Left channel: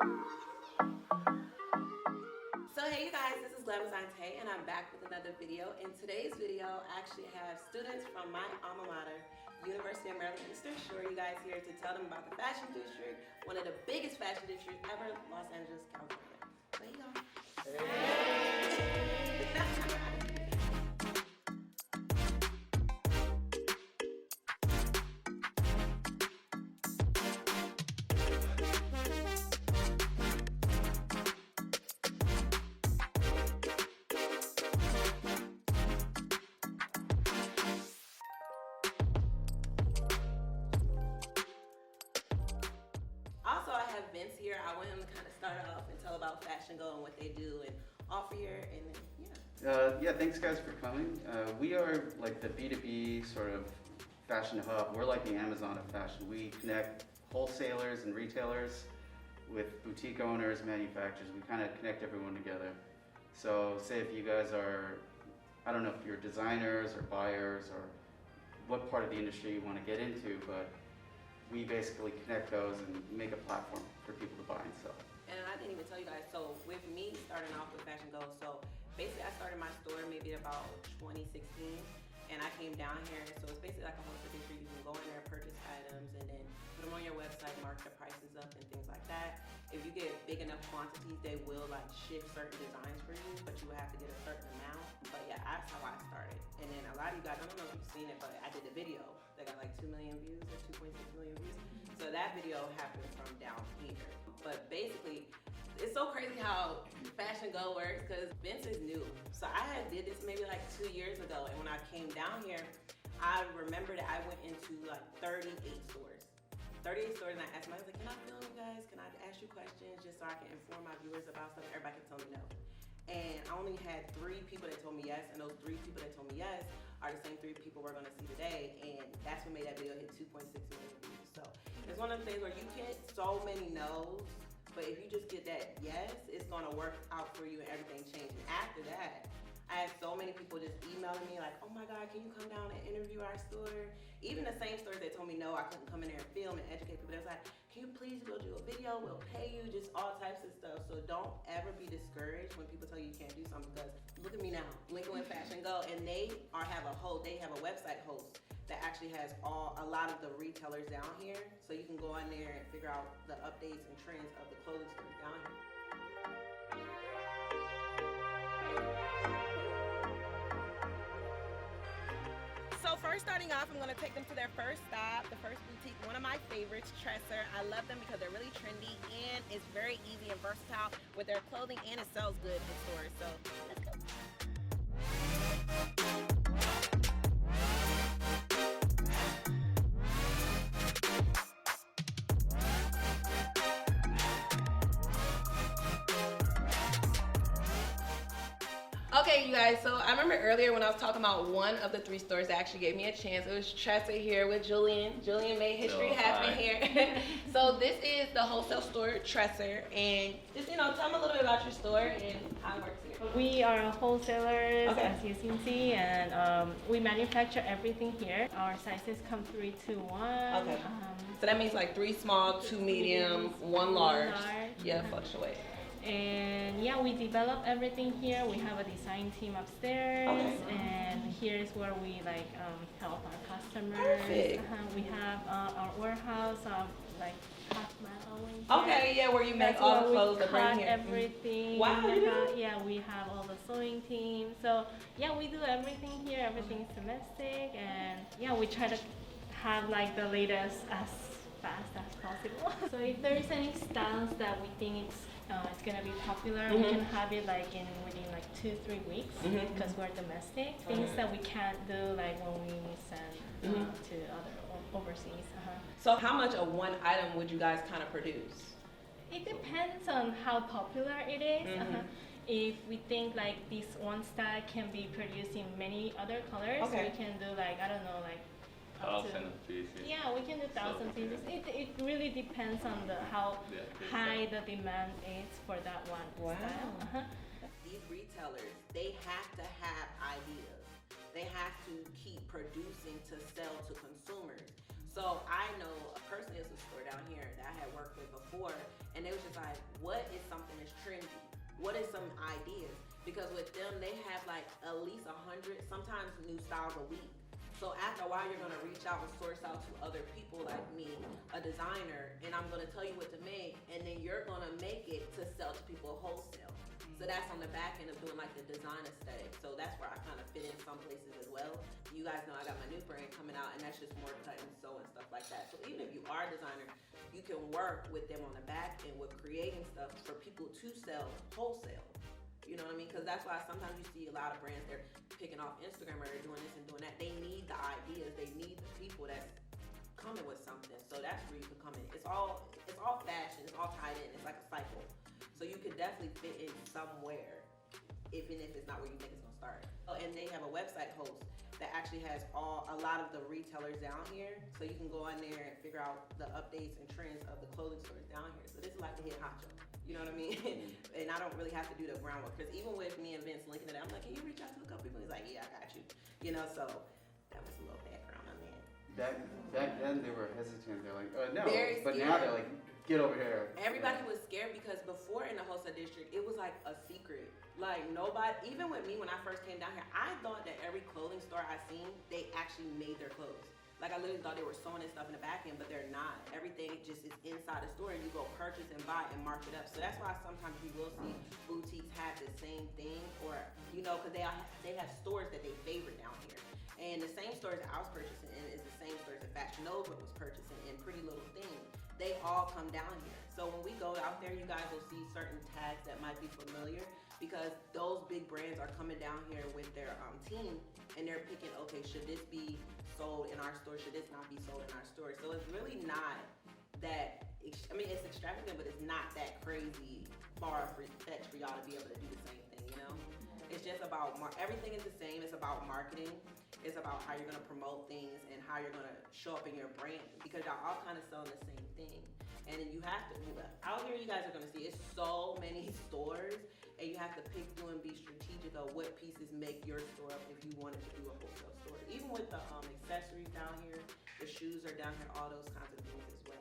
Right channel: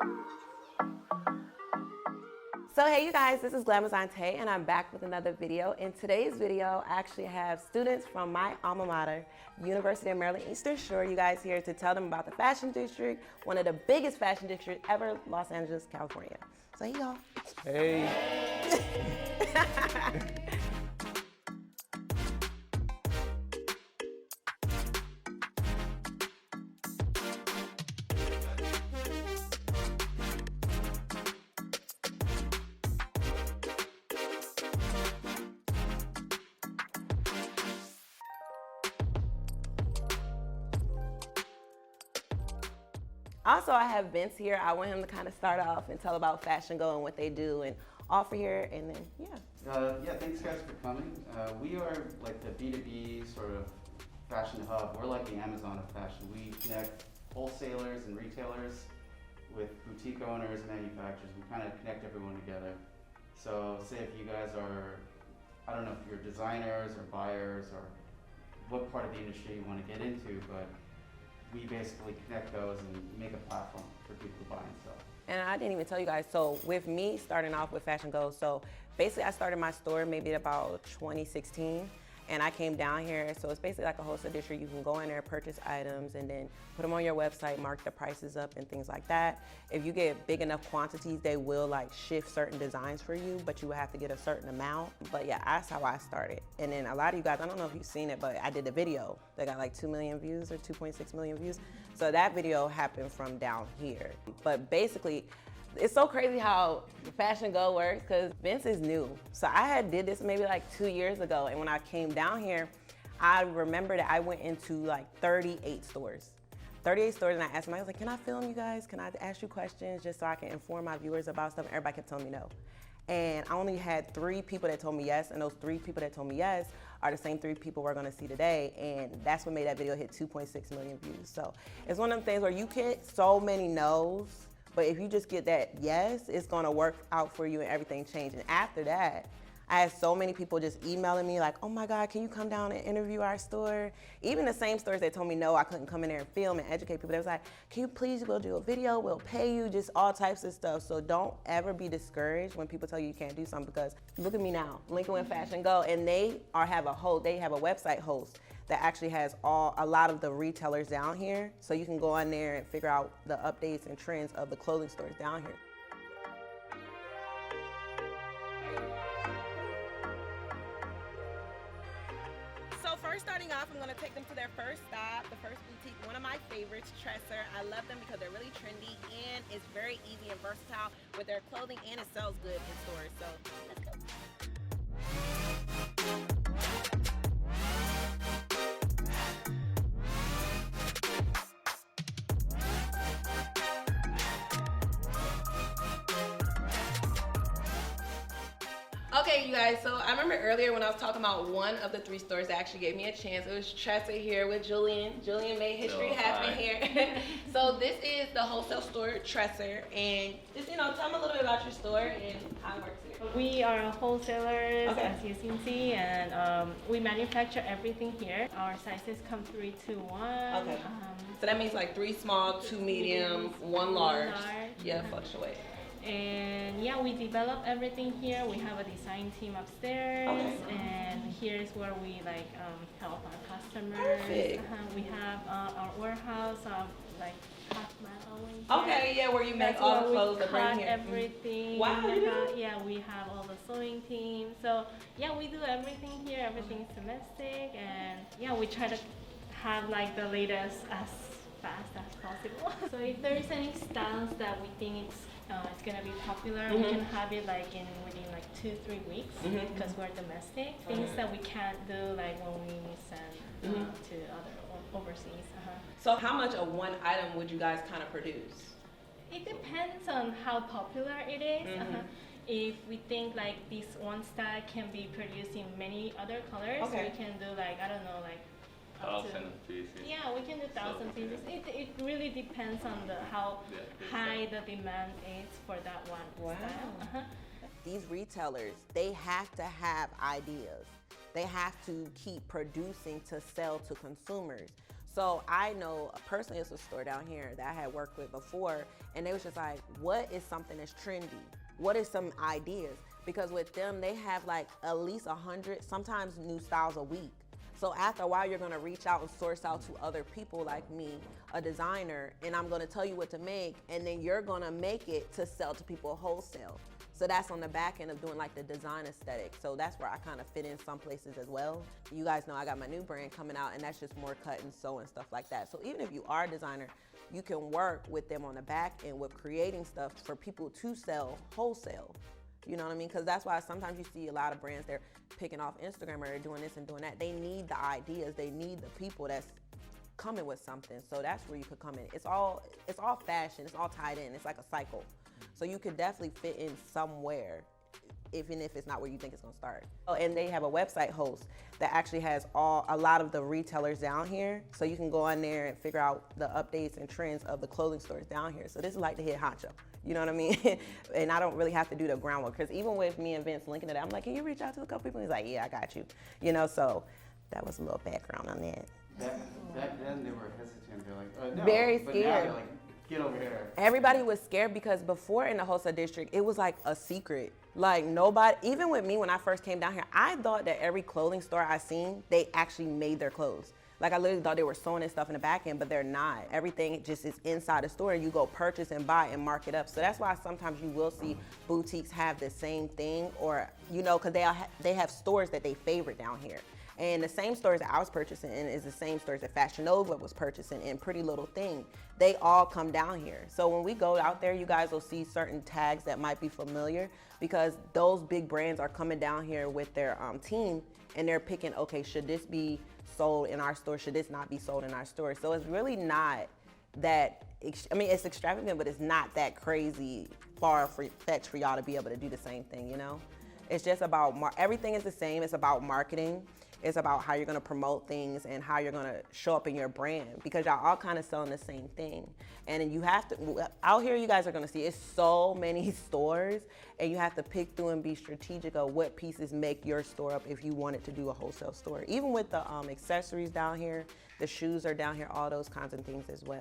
So hey you guys, this is Glamazante and I'm back with another video. In today's video, I actually have students from my alma mater, University of Maryland Eastern Shore, you guys here to tell them about the fashion district, one of the biggest fashion districts ever, Los Angeles, California. So hey y'all. Hey. Also, I have Vince here. I want him to kind of start off and tell about Fashion Go and what they do and offer here, and then, Yeah, thanks guys for coming. We are like the B2B sort of fashion hub. We're like the Amazon of fashion. We connect wholesalers and retailers with boutique owners, manufacturers. We kind of connect everyone together. So say if you guys are, I don't know if you're designers or buyers or what part of the industry you want to get into, but we basically connect those and make a platform for people to buy and sell. And I didn't even tell you guys, so with me starting off with Fashion Go, so basically I started my store maybe about 2016, and I came down here, so it's basically like a wholesale district. You can go in there, purchase items, and then put them on your website, mark the prices up and things like that. If you get big enough quantities, they will like shift certain designs for you, but you will have to get a certain amount. But yeah, that's how I started. And then a lot of you guys, I don't know if you've seen it, but I did a video that got like 2 million views or 2.6 million views. So that video happened from down here. But basically, it's so crazy how Fashion Go works because Vince is new. So I did this maybe like 2 years ago, and when I came down here, I remember that I went into like 38 stores. 38 stores, and I asked them, I was like, can I film you guys? Can I ask you questions just so I can inform my viewers about stuff? And everybody kept telling me no. And I only had 3 people that told me yes, and those 3 people that told me yes are the same 3 people we're gonna see today, and that's what made that video hit 2.6 million views. So it's one of them things where you get so many no's, but if you just get that yes, it's gonna work out for you and everything change. And after that, I had so many people just emailing me like, oh my God, can you come down and interview our store? Even the same stores that told me no, I couldn't come in there and film and educate people. They was like, can you please go do a video? We'll pay you, just all types of stuff. So don't ever be discouraged when people tell you you can't do something, because look at me now, Lincoln with Fashion Go, and they have a website host that actually has a lot of the retailers down here. So you can go on there and figure out the updates and trends of the clothing stores down here. So first starting off, I'm gonna take them to their first stop, the first boutique, one of my favorites, TRESSER. I love them because they're really trendy and it's very easy and versatile with their clothing, and it sells good in stores. So let's go. Okay, you guys, so I remember earlier when I was talking about one of the 3 stores that actually gave me a chance. It was TRESSER here with Julian. Julian made history happen here. So this is the wholesale store, TRESSER, and just, tell them a little bit about your store and how it works here. We are wholesalers, as you can see, and we manufacture everything here. Our sizes come 3 to 1. Okay. So that means like 3 small, 2 medium, 1 large. Yeah, fluctuate. And yeah, we develop everything here. We have a design team upstairs, and here's where we help our customers. Perfect. We have our warehouse, like cut metal in here. Okay, yeah, where you make all the clothes that bring here. Everything. Wow, you do? Yeah, we have all the sewing team. So yeah, we do everything here. Everything's domestic, and yeah, we try to have like the latest as fast as possible. So if there's any styles that we think it's gonna be popular, we can have it within 2-3 weeks because we're domestic. Things that we can't do like when we send to other overseas. So how much of one item would you guys kind of produce? It depends on how popular it is. If we think like this one style can be produced in many other colors, we can do I don't know, 1,000 pieces. Yeah, we can do 1,000 pieces. It really depends on how high the demand is for that one style. These retailers, they have to have ideas. They have to keep producing to sell to consumers. So I know personally it's a store down here that I had worked with before, and they was just like, what is something that's trendy? What is some ideas? Because with them, they have like at least 100, sometimes new styles a week. So after a while, you're gonna reach out and source out to other people like me, a designer, and I'm gonna tell you what to make, and then you're gonna make it to sell to people wholesale. So that's on the back end of doing like the design aesthetic. So that's where I kind of fit in some places as well. You guys know I got my new brand coming out, and that's just more cut and sew and stuff like that. So even if you are a designer, you can work with them on the back end with creating stuff for people to sell wholesale. You know what I mean? Because that's why sometimes you see a lot of brands, they're picking off Instagram or they're doing this and doing that. They need the ideas. They need the people that's coming with something. So that's where you could come in. It's all fashion. It's all tied in. It's like a cycle. So you could definitely fit in somewhere, even if it's not where you think it's gonna start. Oh, and they have a website host that actually has a lot of the retailers down here. So you can go on there and figure out the updates and trends of the clothing stores down here. So this is like the head honcho. You know what I mean? And I don't really have to do the groundwork, because even with me and Vince linking it, I'm like, can you reach out to a couple people? He's like, yeah, I got you. You know, so that was a little background on that. Back then they were hesitant. They're like, no. Very But scared. now they're like, get over here. Everybody was scared because before in the wholesale district, it was like a secret. Like nobody, even with me when I first came down here, I thought that every clothing store I seen, they actually made their clothes. Like I literally thought they were sewing and stuff in the back end, but they're not. Everything just is inside the store, and you go purchase and buy and mark it up. So that's why sometimes you will see boutiques have the same thing, or, you know, because they have stores that they favorite down here. And the same stores that I was purchasing in is the same stores that Fashion Nova was purchasing in. Pretty Little Thing. They all come down here. So when we go out there, you guys will see certain tags that might be familiar, because those big brands are coming down here with their team, and they're picking, okay, should this be sold in our store? Should this not be sold in our store? So it's really not that, I mean, it's extravagant, but it's not that crazy far-fetched for y'all to be able to do the same thing, you know? It's just about, everything is the same. It's about marketing. It's about how you're gonna promote things and how you're gonna show up in your brand, because y'all all kind of selling the same thing. And then you have to, out here you guys are gonna see, it's so many stores, and you have to pick through and be strategic of what pieces make your store up if you wanted to do a wholesale store. Even with the accessories down here, the shoes are down here, all those kinds of things as well.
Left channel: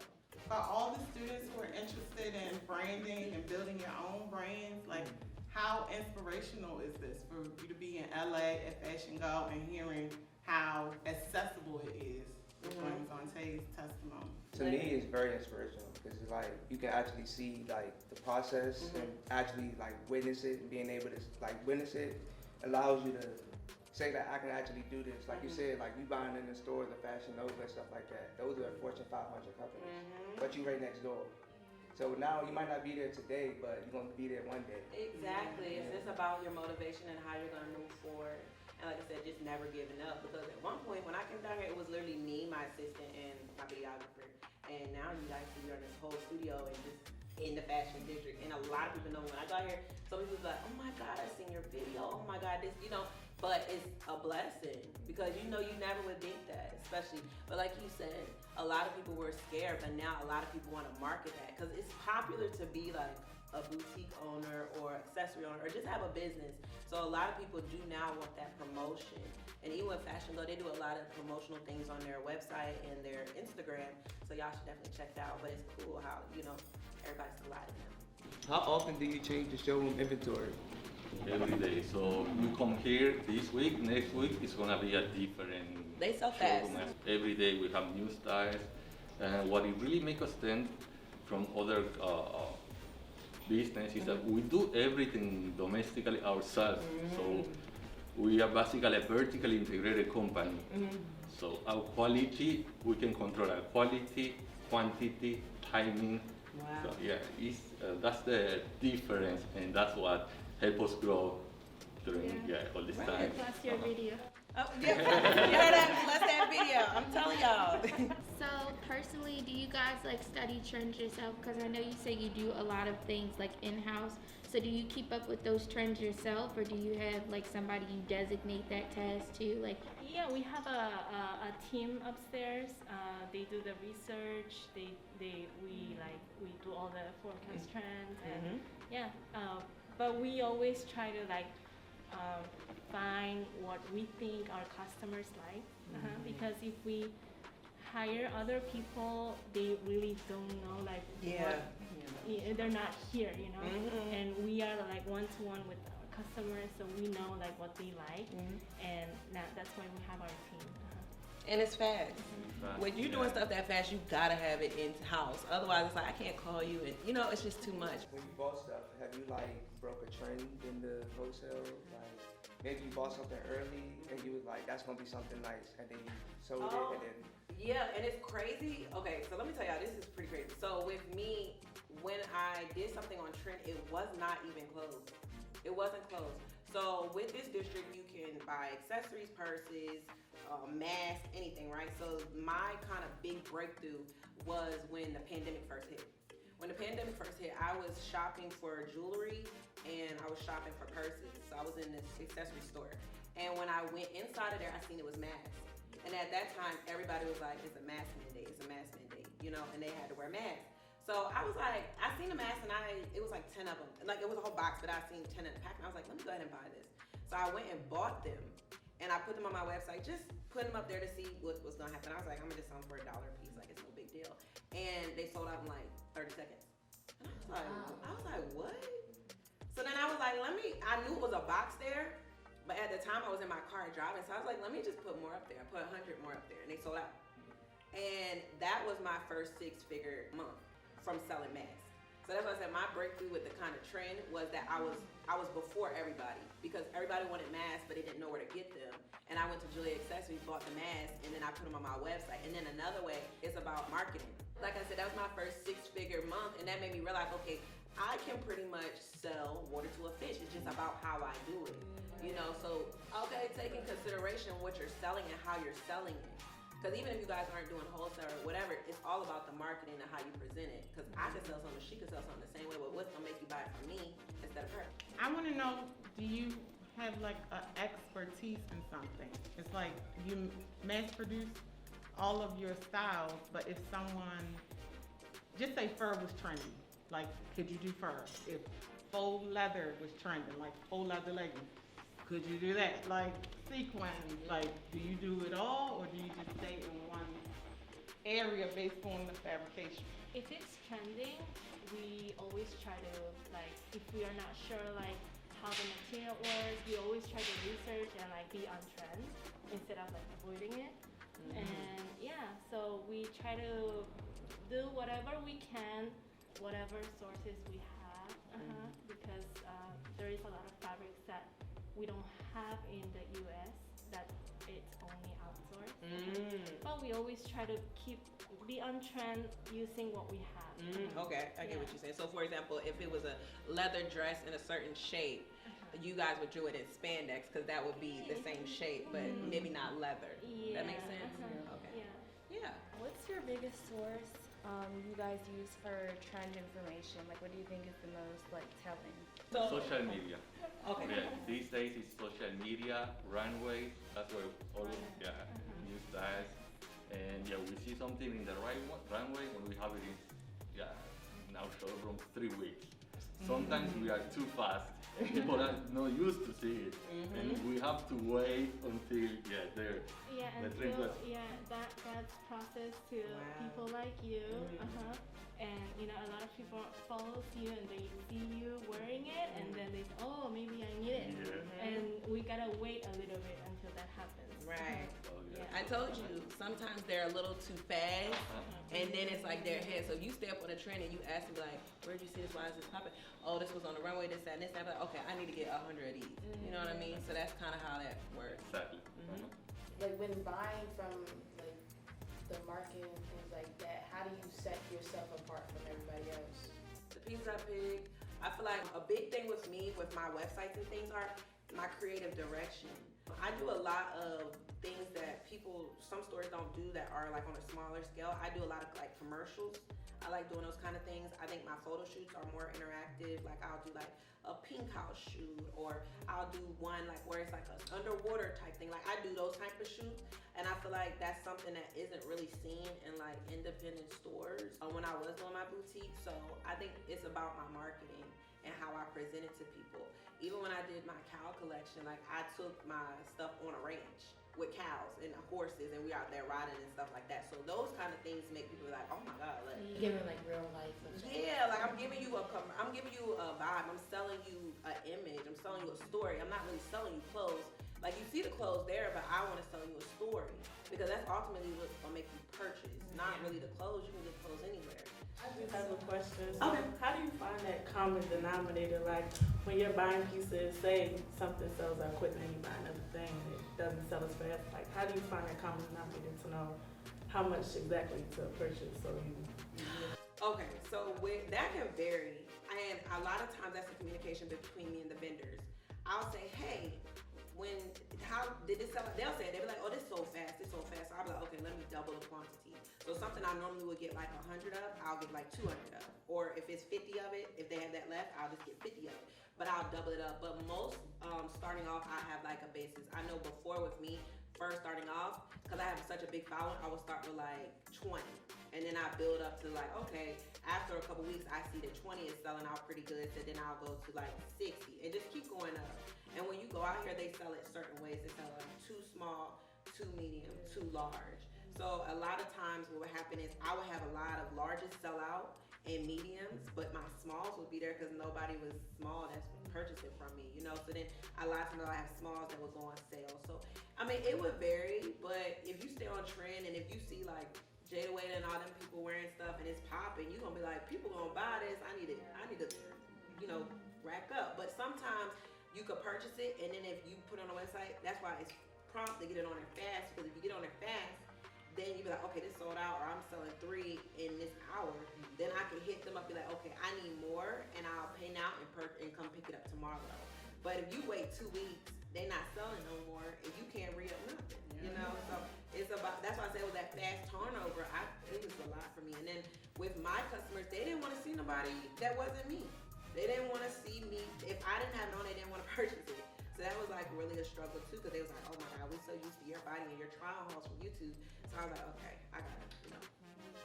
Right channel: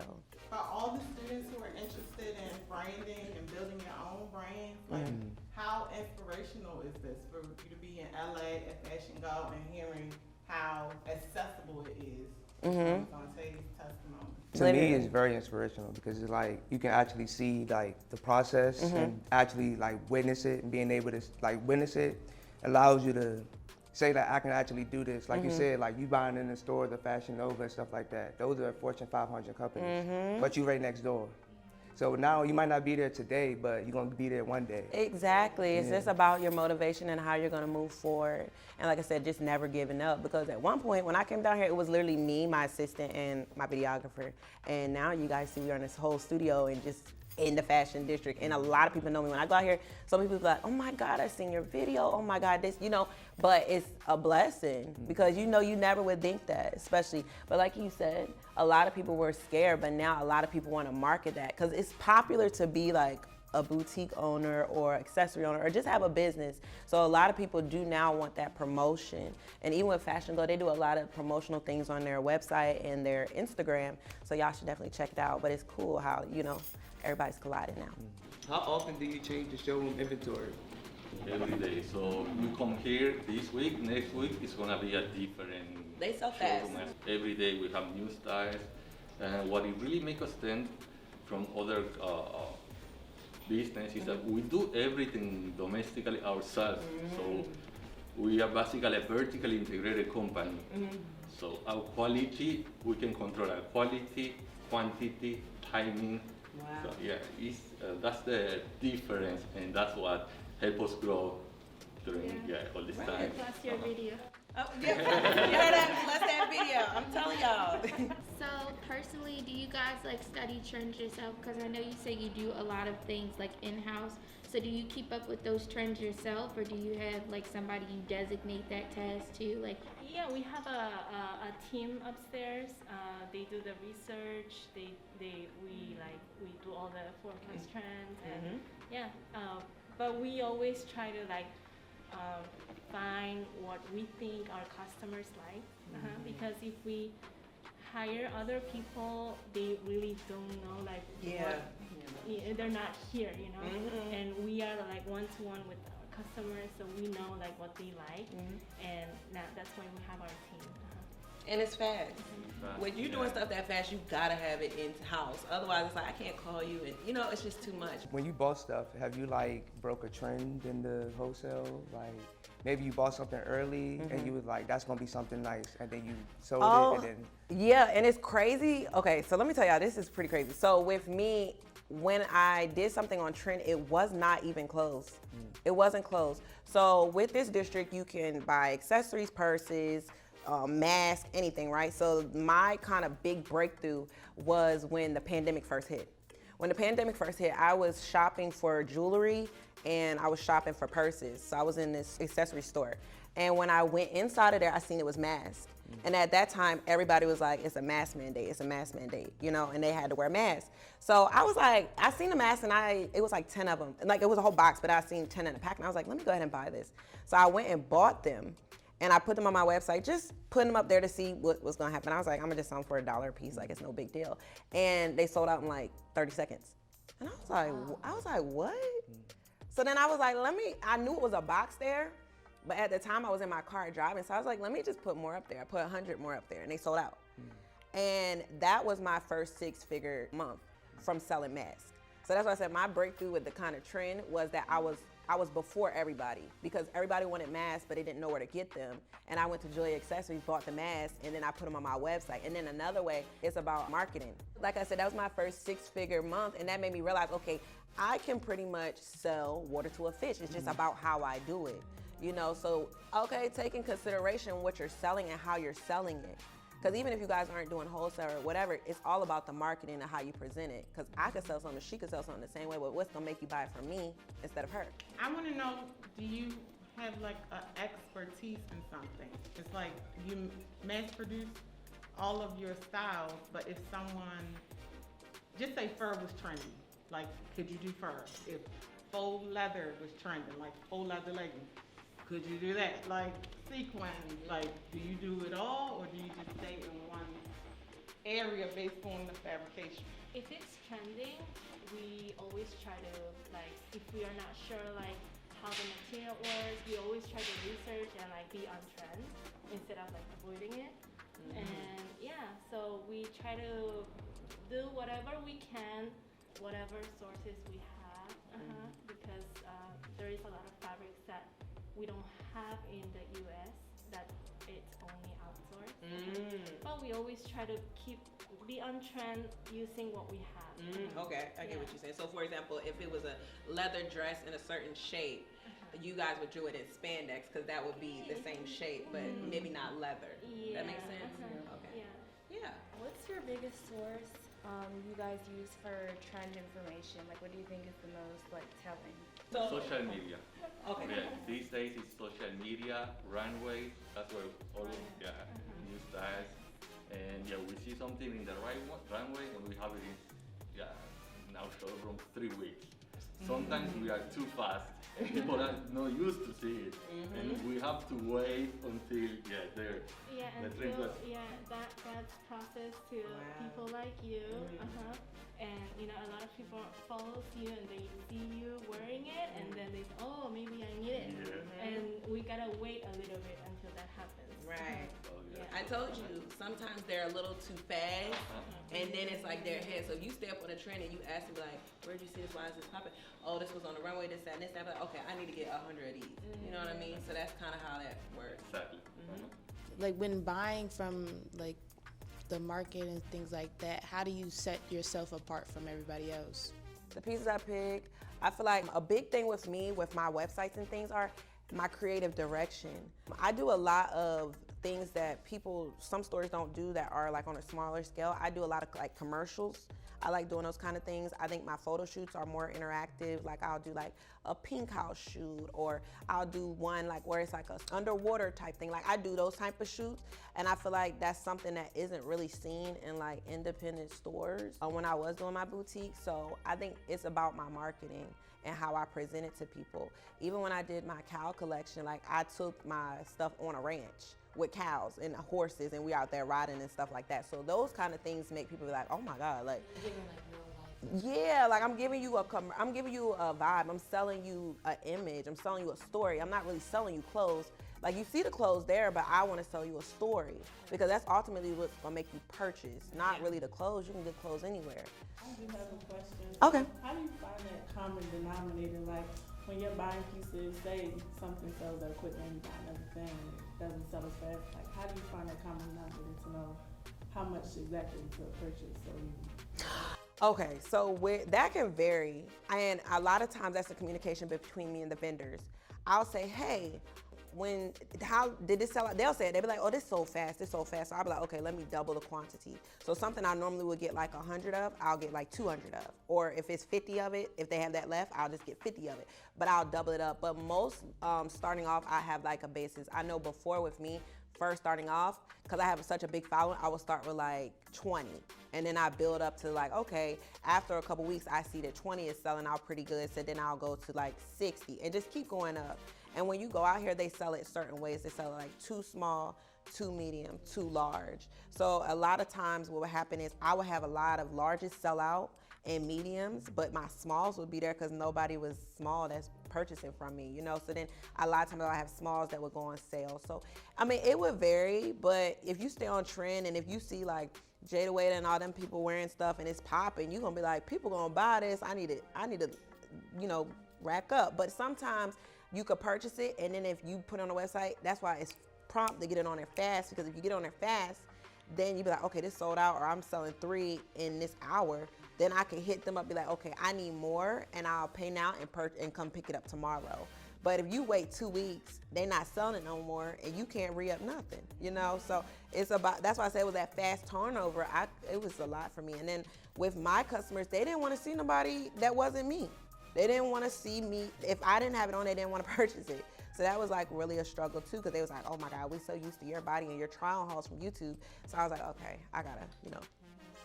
For all the students who are interested in branding and building your own brands, like how inspirational is this for you to be in LA at Fashion Go and hearing how accessible it is from Vontae's testimony? To me, it's very inspirational, because it's like you can actually see like the process and actually like witness it, and being able to like witness it allows you to say that I can actually do this. Like you said, like you buying in the store, the Fashion Nova and stuff like that. Those are Fortune 500 companies, but you right next door. So now you might not be there today, but you're gonna be there one day. Exactly. It's just about your motivation and how you're gonna move forward. And like I said, just never giving up, because at one point when I came down here, it was literally me, my assistant, and my videographer. And now you guys see we're in this whole studio and just in the fashion district. And a lot of people know me. When I go out here, some people be like, oh my God, I seen your video. Oh my God, this, you know. But it's a blessing, because you know you never would think that, especially. But like you said, a lot of people were scared, but now a lot of people want to market that, because it's popular to be like a boutique owner or accessory owner or just have a business. So a lot of people do now want that promotion. And even with Fashion Go, they do a lot of promotional things on their website and their Instagram. So y'all should definitely check it out. But it's cool how, you know, everybody's colliding now. How often do you change the showroom inventory? Every day. So you come here this week, next week it's gonna be a different They sell fast. showroom. Every day we have new styles. And what it really makes us stand from other business is that we do everything domestically ourselves. So we are basically a vertically integrated company. So our quality, we can control our quality, quantity, timing. Wow. So yeah, that's the difference, and that's what help us grow during all this time. Plus your video. Oh, yeah. You heard that? Let's that video. I'm telling y'all. So personally, do you guys like study trends yourself? Because I know you say you do a lot of things like in-house. So do you keep up with those trends yourself, or do you have like somebody you designate that task to? Like, Yeah, we have a team upstairs. They do the research. We do all the forecast trends, and but we always try to like find what we think our customers like, because if we hire other people, they really don't know like Yeah. what, they're not here, you know. And we are like one-to-one with our customers, so we know like what they like, and that's why we have our team. And it's fast. Fast, When you're yeah. doing stuff that fast, you gotta have it in house. Otherwise, it's like I can't call you, and you know, it's just too much. When you bought stuff, have you like broke a trend in the wholesale? Like maybe you bought something early and you was like, that's gonna be something nice, and then you sold it, and then Yeah, and it's crazy. Okay, so let me tell y'all, this is pretty crazy. So with me, when I did something on trend, it was not even closed. It wasn't closed. So with this district, you can buy accessories, purses, masks, anything, right? So my kind of big breakthrough was when the pandemic first hit. When the pandemic first hit, I was shopping for jewelry and I was shopping for purses. So I was in this accessory store. And when I went inside of there, I seen it was masks. And at that time, everybody was like, it's a mask mandate, it's a mask mandate, you know, and they had to wear masks. So I was like, I seen the masks and it was like 10 of them. Like it was a whole box, but I seen 10 in a pack and I was like, let me go ahead and buy this. So I went and bought them and I put them on my website, just putting them up there to see what was gonna happen. I was like, I'm gonna just sell them for $1 a piece, like it's no big deal. And they sold out in like 30 seconds. And I was like, what? So then I was like, I knew it was a box there, but at the time I was in my car driving, so I was like, let me just put more up there. I put 100 more up there, and they sold out. And that was my first 6-figure month from selling masks. So that's why I said my breakthrough with the kind of trend was that I was before everybody, because everybody wanted masks, but they didn't know where to get them. And I went to Julia Accessories, bought the masks, and then I put them on my website. And then another way, it's about marketing. Like I said, that was my first 6-figure month, and that made me realize, okay, I can pretty much sell water to a fish. It's just about how I do it. You know, so, okay, take in consideration what you're selling and how you're selling it. Because even if you guys aren't doing wholesale or whatever, it's all about the marketing and how you present it. Because I could sell something, she could sell something the same way, but what's gonna make you buy it from me instead of her? I want to know, do you have like an expertise in something? It's like you mass produce all of your styles, but if someone, just say fur was trendy, like could you do fur? If faux leather was trending, like faux leather leggings, could you do that? Like sequins, like do you do it all, or do you just stay in one area based on the fabrication? If it's trending, we always try to, like, if we are not sure like how the material works, we always try to research and like be on trend instead of like avoiding it. And yeah, so we try to do whatever we can, whatever sources we have, because there is a lot of fabrics that we don't have in the US that it's only outsourced. But we always try to be on trend using what we have. Okay, I get what you're saying. So for example, if it was a leather dress in a certain shape, you guys would do it in spandex because that would be the same shape, but maybe not leather. Yeah. That makes sense? Okay. Yeah. Yeah. What's your biggest source you guys use for trend information? Like, what do you think is the most like telling? Social media. Okay. Yeah, these days it's social media, runways, that's where all new styles. And yeah, we see something in the runway when we have it in our showroom 3 weeks. Sometimes we are too fast. People are not used to see it, and we have to wait until they're Yeah, the and trend so, was- that's process to people like you. And you know, a lot of people follows you and they see you wearing it, and then they say, oh, maybe I need it. And we gotta wait a little bit until that happens. Right. Oh, yeah. I told you, sometimes they're a little too fast, and then it's like they're ahead. So if you stay up on a trend and you ask me like, where'd you see this? Why is this popping? Oh, this was on the runway, this, that, and this, that. Like, okay, I need to get 100 of these. You know what I mean? So that's kind of how that works. Exactly. Like when buying from like the market and things like that, how do you set yourself apart from everybody else? The pieces I pick, I feel like a big thing with me, with my websites and things, are my creative direction. I do a lot of things that some stores don't do that are like on a smaller scale. I do a lot of like commercials. I like doing those kind of things. I think my photo shoots are more interactive. Like I'll do like a pink house shoot, or I'll do one like where it's like a underwater type thing. Like I do those type of shoots, and I feel like that's something that isn't really seen in like independent stores when I was doing my boutique. So I think it's about my marketing and how I present it to people. Even when I did my cow collection, like I took my stuff on a ranch. with cows and horses, and we out there riding and stuff like that. So those kind of things make people be like, oh my God, like, You're giving like real life. yeah, like I'm giving you a vibe. I'm selling you an image. I'm selling you a story. I'm not really selling you clothes. Like, you see the clothes there, but I want to sell you a story, because that's ultimately what's gonna make you purchase. Not really the clothes. You can get clothes anywhere. I do have a question. Okay. How do you find that common denominator? Like, when you're buying pieces, say something sells out quick and you buy another thing and it doesn't sell as fast. Like, how do you find that common denominator to know how much exactly to purchase? So you. Okay, so that can vary, and a lot of times that's the communication between me and the vendors. I'll say, hey, how did this sell out? They'll say it. They'll be like, oh, this sold fast, this sold fast. So I'll be like, okay, let me double the quantity. So something I normally would get like 100 of, I'll get like 200 of. Or if it's 50 of it, if they have that left, I'll just get 50 of it. But I'll double it up. But most starting off, I have like a basis. I know before with me, first starting off, because I have such a big following, I will start with like 20. And then I build up to like, okay, after a couple weeks, I see that 20 is selling out pretty good. So then I'll go to like 60 and just keep going up. And when you go out here, they sell it certain ways. They sell it like too small, too medium, too large. So a lot of times what would happen is I would have a lot of larges sell out and mediums, but my smalls would be there because nobody was small that's purchasing from me, you know? So then a lot of times I have smalls that would go on sale. So, I mean, it would vary, but if you stay on trend and if you see like Jada Wade and all them people wearing stuff and it's popping, you're gonna be like, people gonna buy this, I need to, you know, rack up. But sometimes you could purchase it, and then if you put it on the website, that's why it's prompt to get it on there fast, because if you get on there fast, then you be like, okay, this sold out, or I'm selling 3 in this hour, then I can hit them up, be like, okay, I need more, and I'll pay now and come pick it up tomorrow. But if you wait 2 weeks, they're not selling it no more, and you can't re-up nothing, you know? So it's about, that's why I said it was that fast turnover. It was a lot for me. And then with my customers, they didn't want to see nobody that wasn't me. They didn't want to see me. If I didn't have it on, they didn't want to purchase it. So that was like really a struggle too, because they was like, oh my God, we're so used to your body and your trial hauls from YouTube. So I was like, okay, I gotta, you know,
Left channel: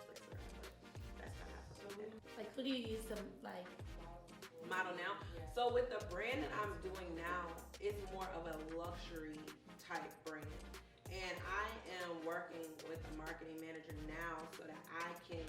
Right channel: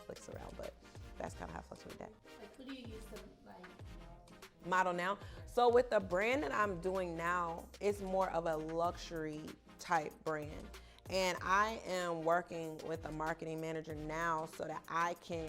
fix around. But that's kind of how I fucked with that. Like, who do you use to like model now? So with the brand that I'm doing now, it's more of a luxury type brand. And I am working with a marketing manager now so that I can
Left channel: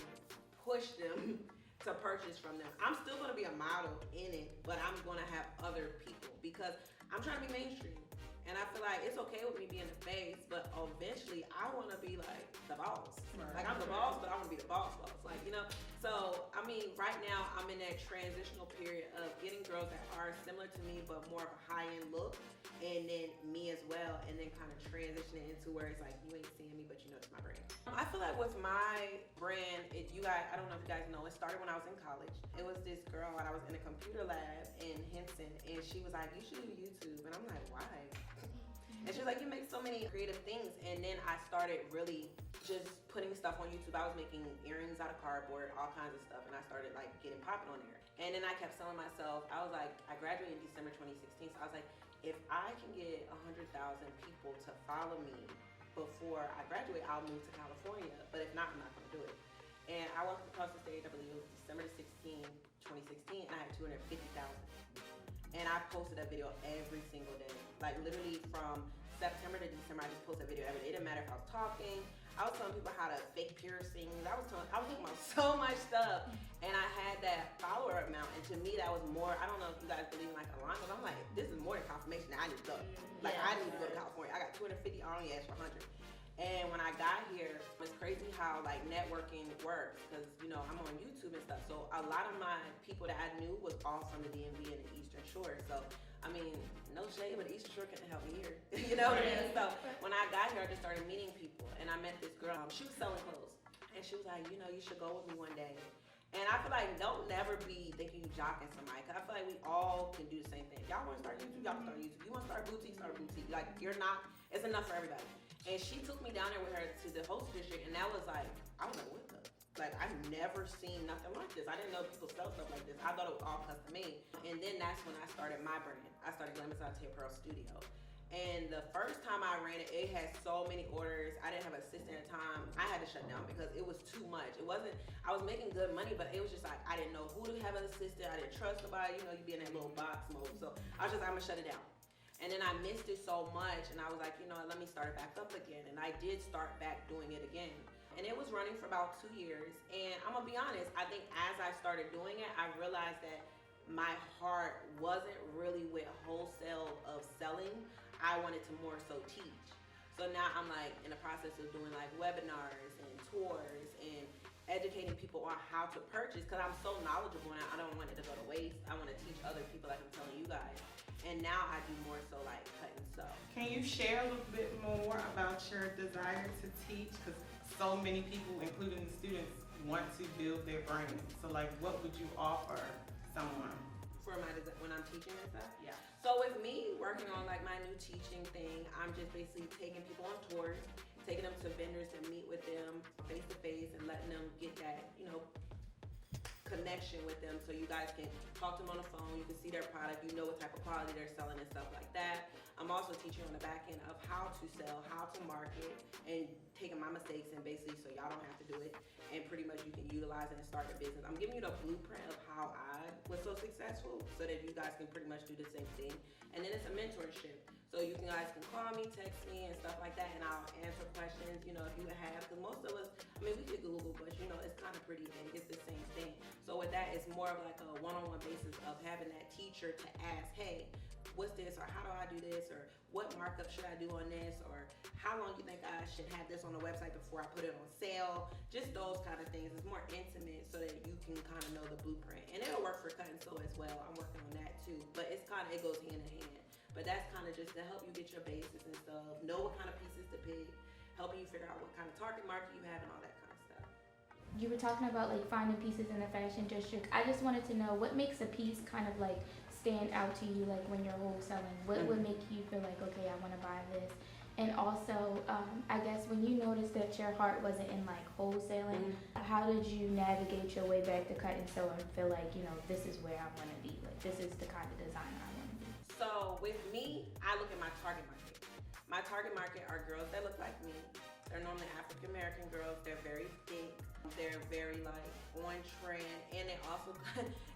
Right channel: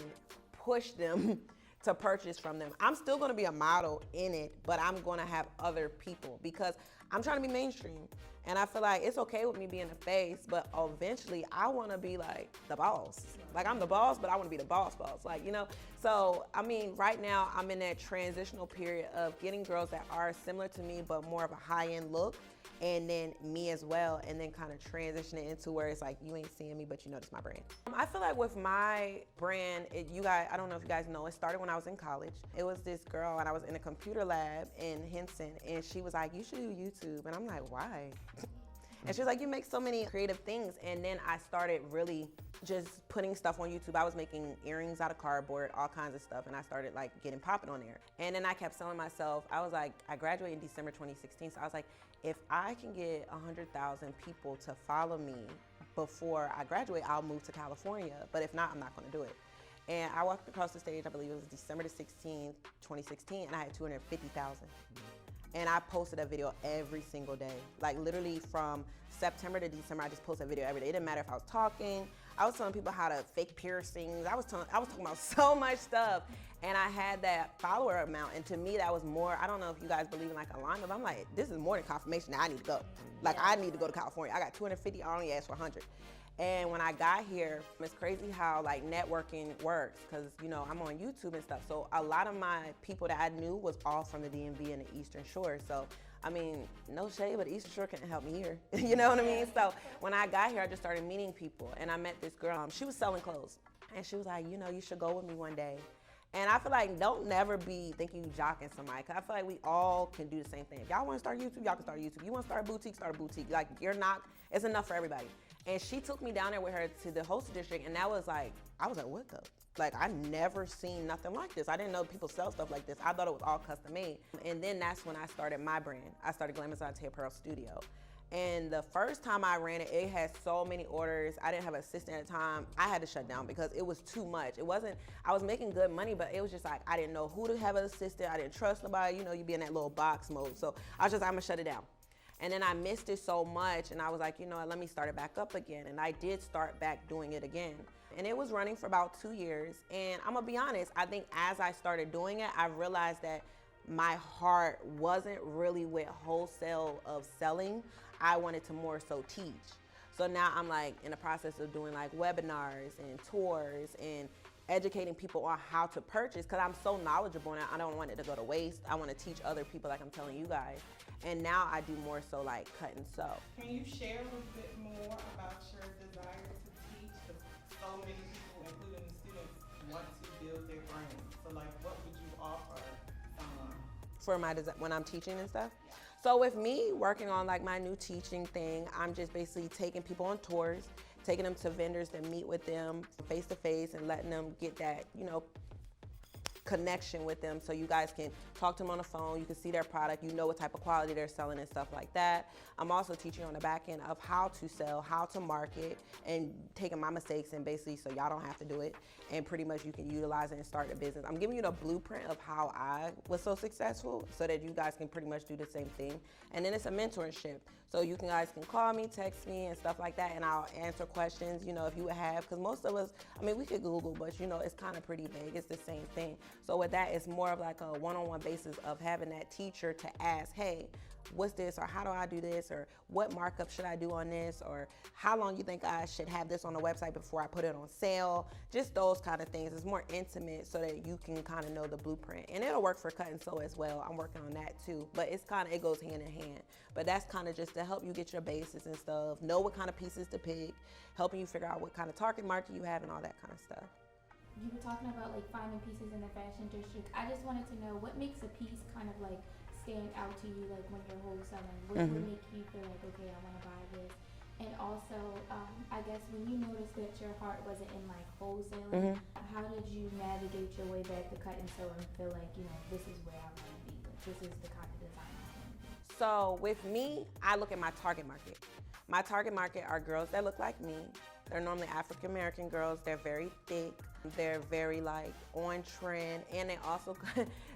push them to purchase from them. I'm still gonna be a model in it, but I'm gonna have other people because I'm trying to be mainstream. And I feel like it's okay with me being the face, but eventually I wanna be like the boss. Like, I'm the boss, but I wanna be the boss, like, you know? So, I mean, right now I'm in that transitional period of getting girls that are similar to me, but more of a high-end look, and then me as well, and then kind of transitioning into where it's like, you ain't seeing me, but you know it's my brand. I feel like with my brand, you guys, I don't know if you guys know, it started when I was in college. It was this girl, and I was in a computer lab in Henson, and she was like, you should do YouTube. And I'm like, why? And she was like, you make so many creative things. And then I started really just putting stuff on YouTube. I was making earrings out of cardboard, all kinds of stuff. And I started like getting popping on there. And then I kept selling myself. I was like, I graduated in December 2016. So I was like, if I can get 100,000 people to follow me before I graduate, I'll move to California. But if not, I'm not gonna do it. And I walked across the stage, I believe it was December 16th, 2016, and I had 250,000. And I posted a video every single day. Like, literally from September to December, I just posted a video every day. It didn't matter if I was talking. I was telling people how to fake piercings. I was talking about so much stuff. And I had that follower amount. And to me, that was more, I don't know if you guys believe in like alignment, but I'm like, this is more than confirmation that I need to go. Like, I need to go to California. I got 250, I only asked for 100. And when I got here, it's crazy how like networking works, because you know I'm on YouTube and stuff. So a lot of my people that I knew was all from the DMV and the Eastern Shore. So I mean, no shade, but the Eastern Shore couldn't help me here. You know what I mean? So when I got here, I just started meeting people, and I met this girl. She was selling clothes, and she was like, you know, you should go with me one day. And I feel like don't never be thinking you jocking somebody, because I feel like we all can do the same thing. If y'all want to start YouTube, y'all can start YouTube. You want to start a boutique, start a boutique. Like, you're not, it's enough for everybody. And she took me down there with her to the Wholesale District, and that was like, I was like, what the? Like, I never seen nothing like this. I didn't know people sell stuff like this. I thought it was all custom made. And then that's when I started my brand. I started GLAM Apparel Studio. And the first time I ran it, it had so many orders. I didn't have an assistant at the time. I had to shut down because it was too much. It wasn't, I was making good money, but it was just like, I didn't know who to have an assistant. I didn't trust nobody. You know, you be in that little box mode. So I was just, I'm gonna shut it down. And then I missed it so much, and I was like, you know what, let me start it back up again. And I did start back doing it again. And it was running for about 2 years. And I'm gonna be honest, I think as I started doing it, I realized that my heart wasn't really with wholesale of selling. I wanted to more so teach. So now I'm like in the process of doing like webinars and tours and educating people on how to purchase, because I'm so knowledgeable and I don't want it to go to waste. I want to teach other people like I'm telling you guys. And now I do more so like cut and sew. Can you share a little bit more about your desire to teach? Because so many people, including the students, want to build their brand. So like, what would you offer someone? For my when I'm teaching and stuff? Yeah. So with me working on like my new teaching thing, I'm just basically taking people on tours, taking them to vendors to meet with them face to face and letting them get that, you know, connection with them, so you guys can talk to them on the phone, you can see their product, you know what type of quality they're selling and stuff like that. I'm also teaching on the back end of how to sell, how to market, and taking my mistakes and basically so y'all don't have to do it, and pretty much you can utilize it and start a business. I'm giving you the blueprint of how I was so successful so that you guys can pretty much do the same thing. And then it's a mentorship. So you guys can call me, text me, and stuff like that, and I'll answer questions, you know, if you have, because most of us, I mean, we could Google, but you know, it's kind of pretty vague. It's the same thing. So with that, it's more of like a one-on-one basis of having that teacher to ask, hey, what's this, or how do I do this, or what markup should I do on this, or how long you think I should have this on the website before I put it on sale, just those kind of things. It's more intimate so that you can kind of know the blueprint, and it'll work for cut and sew as well. I'm working on that too, but it's kind of, it goes hand in hand, but that's kind of just to help you get your basis and stuff, know what kind of pieces to pick, helping you figure out what kind of target market you have and all that kind of stuff. You were talking about like finding pieces in the fashion district. I just wanted to know what makes a piece kind of like stand out to you, like when you're wholesaling. What would make you feel like, okay, I want to buy this? And also, I guess when you noticed that your heart wasn't in like wholesaling, how did you navigate your way back to cut and sew and feel like, you know, this is where I want to be? Like this is the kind of design I want to be. So with me, I look at my target market. My target market are girls that look like me. They're normally African American girls. They're very thick. They're very like on trend, and they also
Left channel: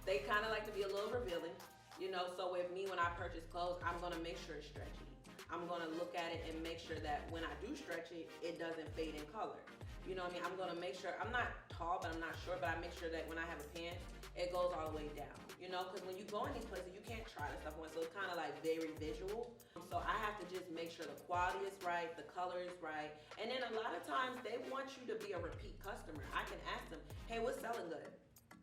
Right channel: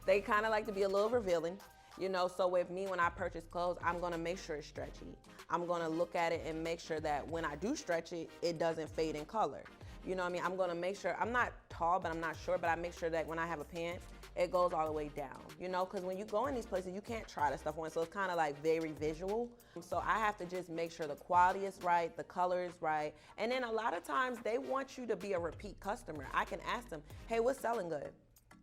they kind of like to be a little revealing. You know, so with me, when I purchase clothes, I'm gonna make sure it's stretchy. I'm gonna look at it and make sure that when I do stretch it, it doesn't fade in color. You know what I mean? I'm gonna make sure, I'm not tall, but I'm not short, but I make sure that when I have a pant, it goes all the way down. You know, because when you go in these places, you can't try the stuff on, so it's kind of like very visual. So I have to just make sure the quality is right, the color is right. And then a lot of times they want you to be a repeat customer. I can ask them, hey, what's selling good?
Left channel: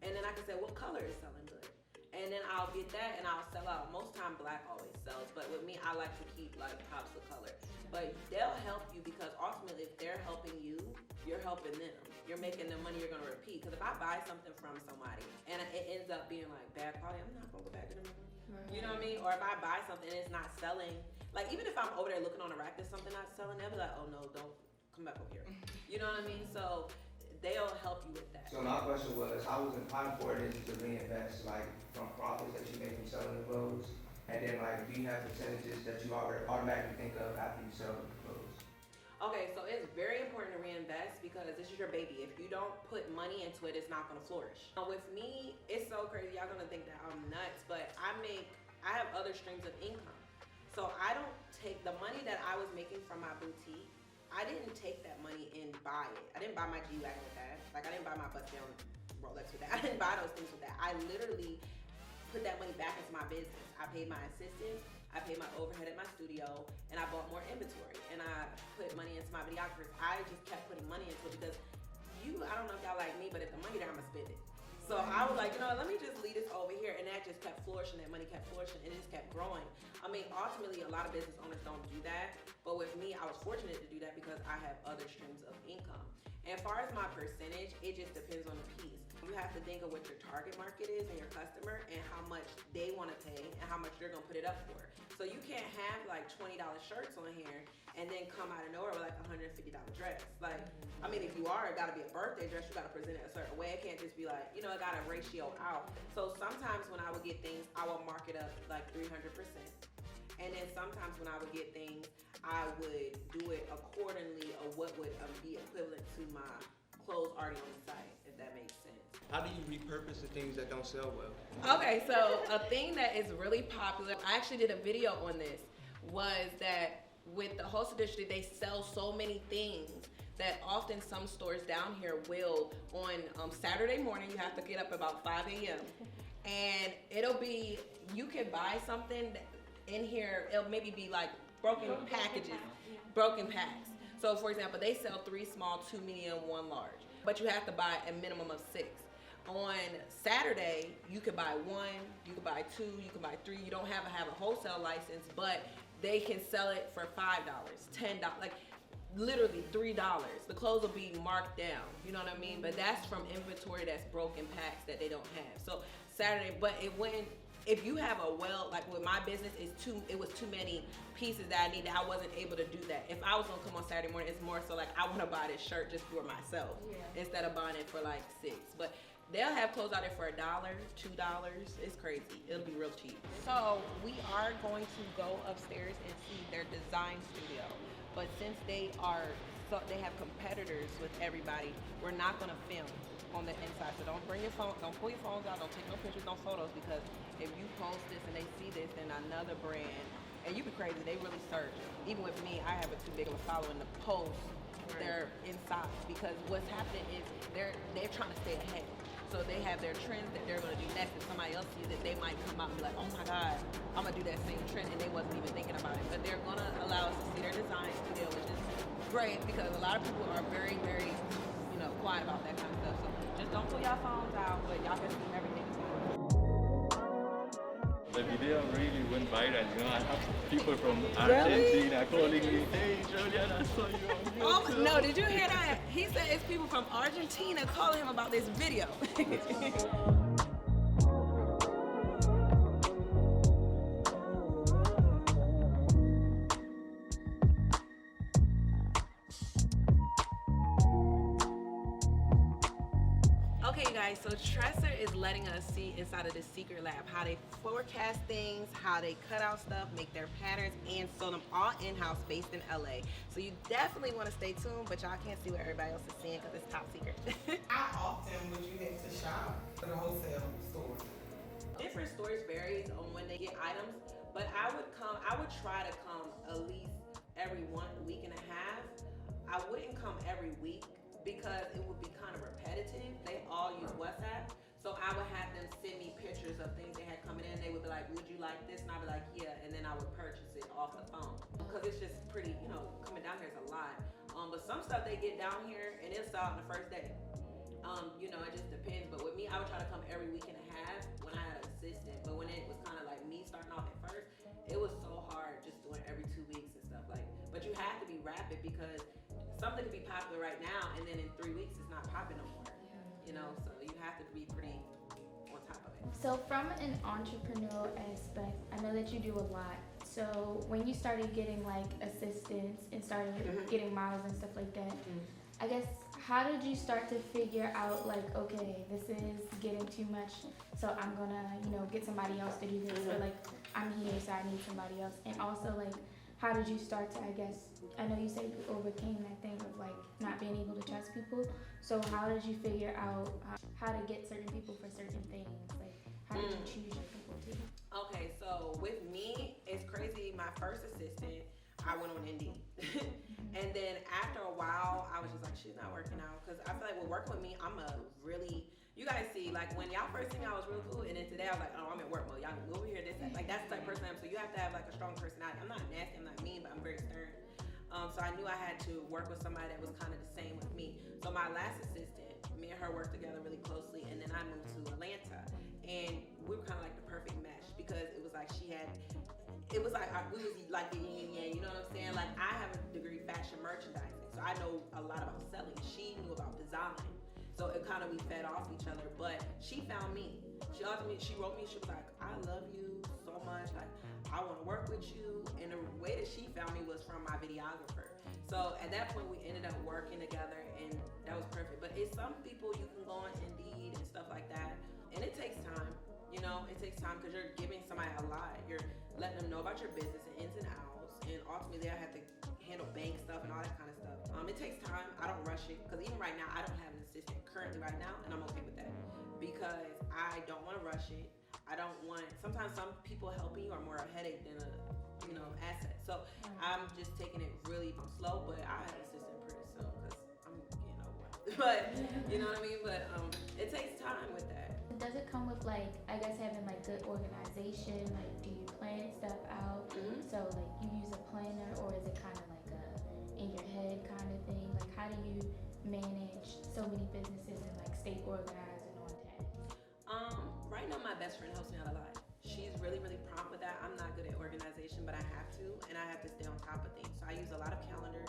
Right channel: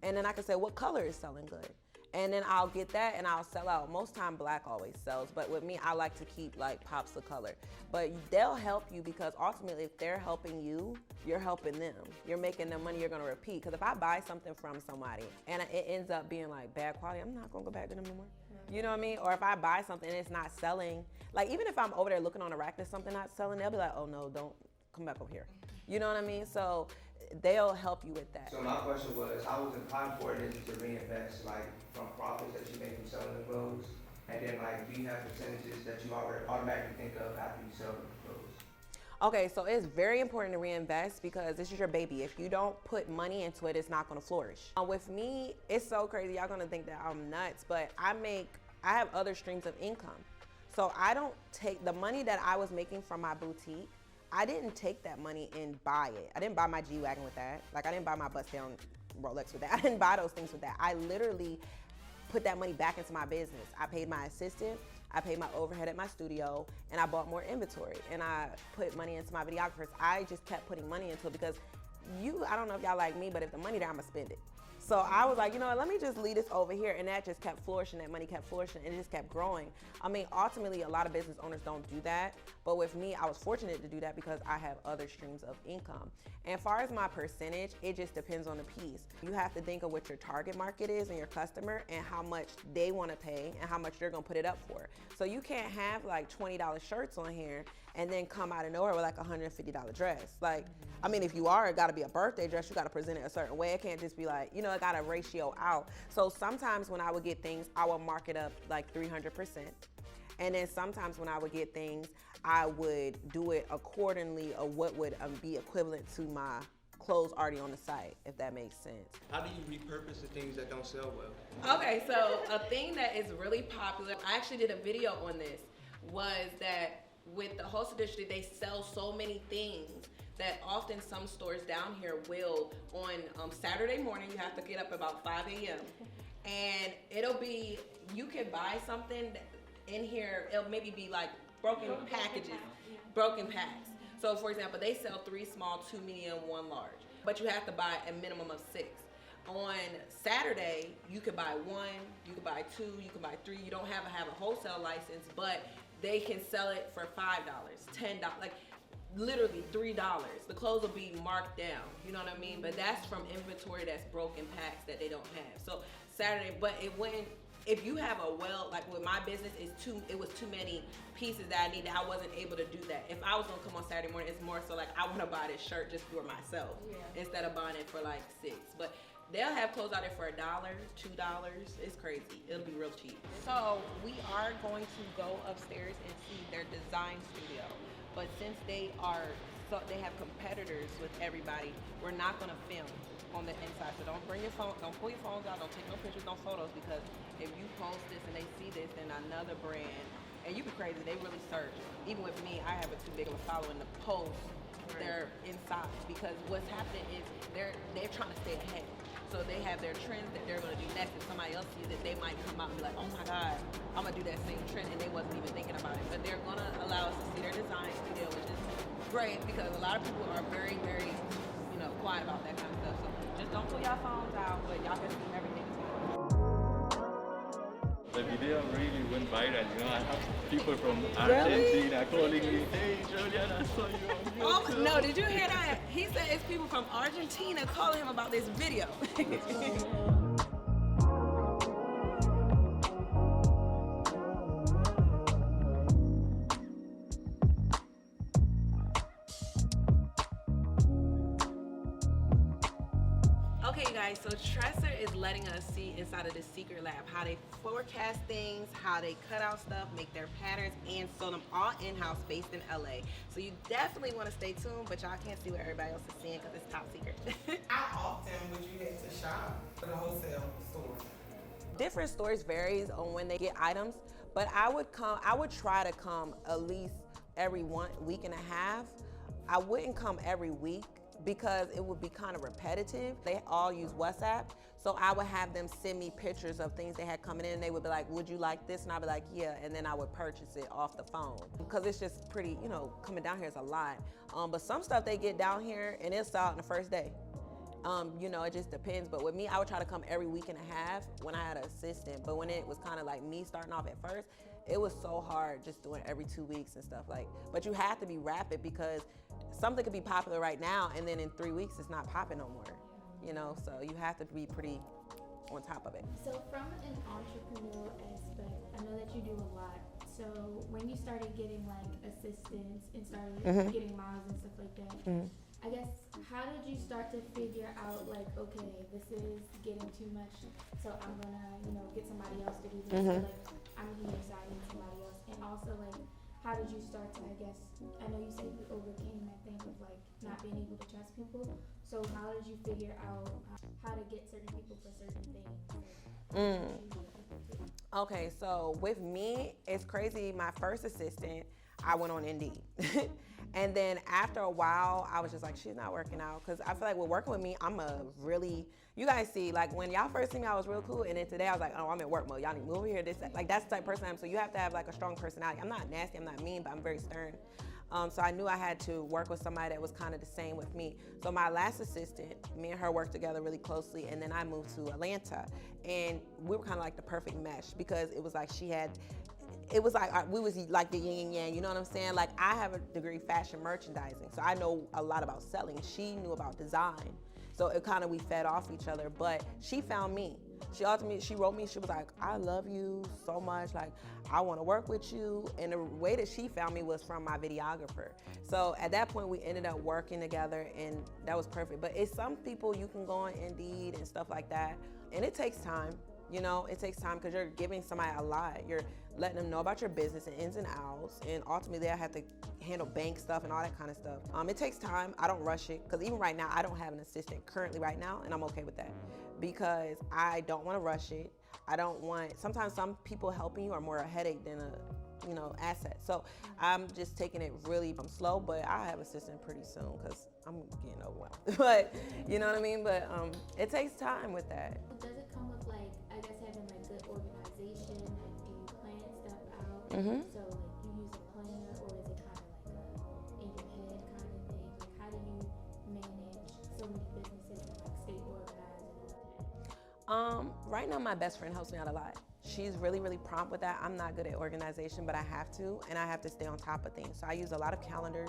And then I can say, what color is selling good? And then I'll get that and I'll sell out. Most time black always sells, but with me, I like to keep like pops of color. But they'll help you because ultimately if they're helping you, you're helping them. You're making them money, you're gonna repeat. Because if I buy something from somebody and it ends up being like bad quality, I'm not gonna go back to them anymore. You know what I mean? Or if I buy something and it's not selling, like even if I'm over there looking on the rack and something not selling, they'll be like, oh no, don't come back over here. You know what I mean? So they'll help you with that. So my question was, how important is it to reinvest, like, from profits that you make from selling the clothes? And then, like, do you have percentages that you already automatically think of after you sell the clothes? Okay, so it's very important to reinvest because this is your baby. If you don't put money into it, it's not gonna flourish. With me, it's so crazy. Y'all gonna think that I'm nuts, but I have other streams of income. So I don't take the money that I was making from my boutique, I didn't take that money and buy it. I didn't buy my G-Wagon with that. Like I didn't buy my bust down Rolex with that. I didn't buy those things with that. I literally put that money back into my business. I paid my assistant, I paid my overhead at my studio, and I bought more inventory. And I put money into my videographers. I just kept putting money into it because I don't know if y'all like me, but if the money there, I'ma spend it. So I was like, you know, let me just leave this over here, and that just kept flourishing, that money kept flourishing, and it just kept growing. I mean, ultimately, a lot of business owners don't do that, but with me, I was fortunate to do that because I have other streams of income. And as far as my percentage, it just depends on the piece. You have to think of what your target market is and your customer and how much they want to pay and how much you're going to put it up for. So you can't have like $20 shirts on here and then come out of nowhere with like a $150 dress. Like, I mean, if you are, it got to be a birthday dress, you got to present it a certain way. It can't just be like, you know, it got to ratio out. So sometimes when I would get things, I would mark it up like 300%. And then sometimes when I would get things, I would do it accordingly of what would be equivalent to my clothes already on the site, if that makes sense. How do you repurpose the things that don't sell well? Okay, so a thing that is really popular, I actually did a video on this. was that with the wholesale district, they sell so many things that often some stores down here will, on Saturday morning, you have to get up about 5 a.m. and it'll be, you can buy something in here, it'll maybe be like broken packages, broken packs. So for example, they sell 3 small, 2 medium, 1 large, but you have to buy a minimum of 6. On Saturday, you could buy 1, you could buy 2, you can buy 3. You don't have a wholesale license, but they can sell it for $5, $10, like literally $3. The clothes will be marked down, you know what I mean? But that's from inventory that's broken packs that they don't have. So Saturday, but it went, if you have like with my business, it was too many pieces that I needed. I wasn't able to do that. If I was gonna come on Saturday morning, it's more so like I wanna buy this shirt just for myself instead of buying it for like $6. But they'll have clothes out there for $1, $2. It's crazy. It'll be real cheap. So we are going to go upstairs and see their design studio. But since they have competitors with everybody, we're not gonna film on the inside. So don't bring your phone, don't pull your phones out, don't take no pictures, no photos, because if you post this and they see this, then another brand, and you be crazy, they really search. Even with me, I have a too big of a following to post their inside, because what's happening is they're trying to stay ahead. So they have their trends that they're gonna do next, and somebody else sees it, they might come out and be like, oh my God, I'm gonna do that same trend, and they wasn't even thinking about it. But they're gonna allow us to see their design studio, which is great, because a lot of people are very, very, quiet about that kind of stuff. So just don't pull your phones out, but y'all can see everything. The video really went viral, I have people from Argentina calling me, hey Julian, I saw you on YouTube. Oh, no, did you hear that? He said it's people from Argentina calling him about this video. Okay, you guys, so TRESSER is letting us see inside of the secret lab how they forecast things, how they cut out stuff, make their patterns, and sew them all in-house based in LA. So you definitely want to stay tuned, but y'all can't see what everybody else is seeing because it's top secret. How often would you head to shop at a wholesale store? Different stores varies on when they get items, but I would try to come at least every 1 week and a half. I wouldn't come every week, because it would be kind of repetitive. They all use WhatsApp, so I would have them send me pictures of things they had coming in, and they would be like, would you like this? And I'd be like, yeah, and then I would purchase it off the phone. Because it's just pretty, coming down here is a lot. But some stuff they get down here, and it'll sell out in the first day. It just depends, but with me, I would try to come every week and a half when I had an assistant. But when it was kind of like me starting off at first, it was so hard just doing every 2 weeks and stuff but you have to be rapid, because something could be popular right now, and then in 3 weeks, it's not popping no more, so you have to be pretty on top of it. So from an entrepreneurial aspect, I know that you do a lot. So when you started getting like assistants and started getting models and stuff like that, I guess, how did you start to figure out like, okay, this is getting too much, so I'm gonna, get somebody else to do this, or like, I'm here, so I need somebody else. And also like, how did you start to, I guess, I know you said you overcame that thing of like not being able to trust people. So how did you figure out how to get certain people for certain things? Like, how did you choose your people too? Okay, so with me, it's crazy. My first assistant, I went on Indeed. And then after a while, I was just like, she's not working out. Because I feel like with working with me, I'm a really, you guys see, like when y'all first seen me, I was real cool. And then today I was like, oh, I'm in work mode. Y'all need to move over here. This, like, that's the type of person I am. So you have to have like a strong personality. I'm not nasty, I'm not mean, but I'm very stern. So I knew I had to work with somebody that was kind of the same with me. So my last assistant, me and her worked together really closely, and then I moved to Atlanta. And we were kind of like the perfect mesh, because it was like it was like we was like the yin and yang, you know what I'm saying? Like I have a degree fashion merchandising, so I know a lot about selling. She knew about design. So it kind of, we fed off each other, but she found me. She wrote me, she was like, I love you so much, like, I want to work with you. And the way that she found me was from my videographer. So at that point, we ended up working together, and that was perfect. But it's some people you can go on Indeed and stuff like that, and it takes time. It takes time, because you're giving somebody a lot. You're letting them know about your business and ins and outs, and ultimately they'll have to handle bank stuff and all that kind of stuff. It takes time. I don't rush it, because even right now, I don't have an assistant currently right now, and I'm okay with that, because I don't want to rush it. I don't want, sometimes some people helping you are more a headache than a, you know, asset. So I'm just taking it really slow, but I have an assistant pretty soon because I'm getting overwhelmed. But you know what I mean? But it takes time with that. Does it come with like, I guess having like good organization? Like, do you plan stuff out? So like you use a planner, or is it kind of like a in your head kind of thing? Like, how do you manage so many businesses and like stay organized and on task? Right now my best friend helps me out a lot. She's really, really prompt with that. I'm not good at organization, but I have to, and I have to stay on top of things. So I use a lot of calendars.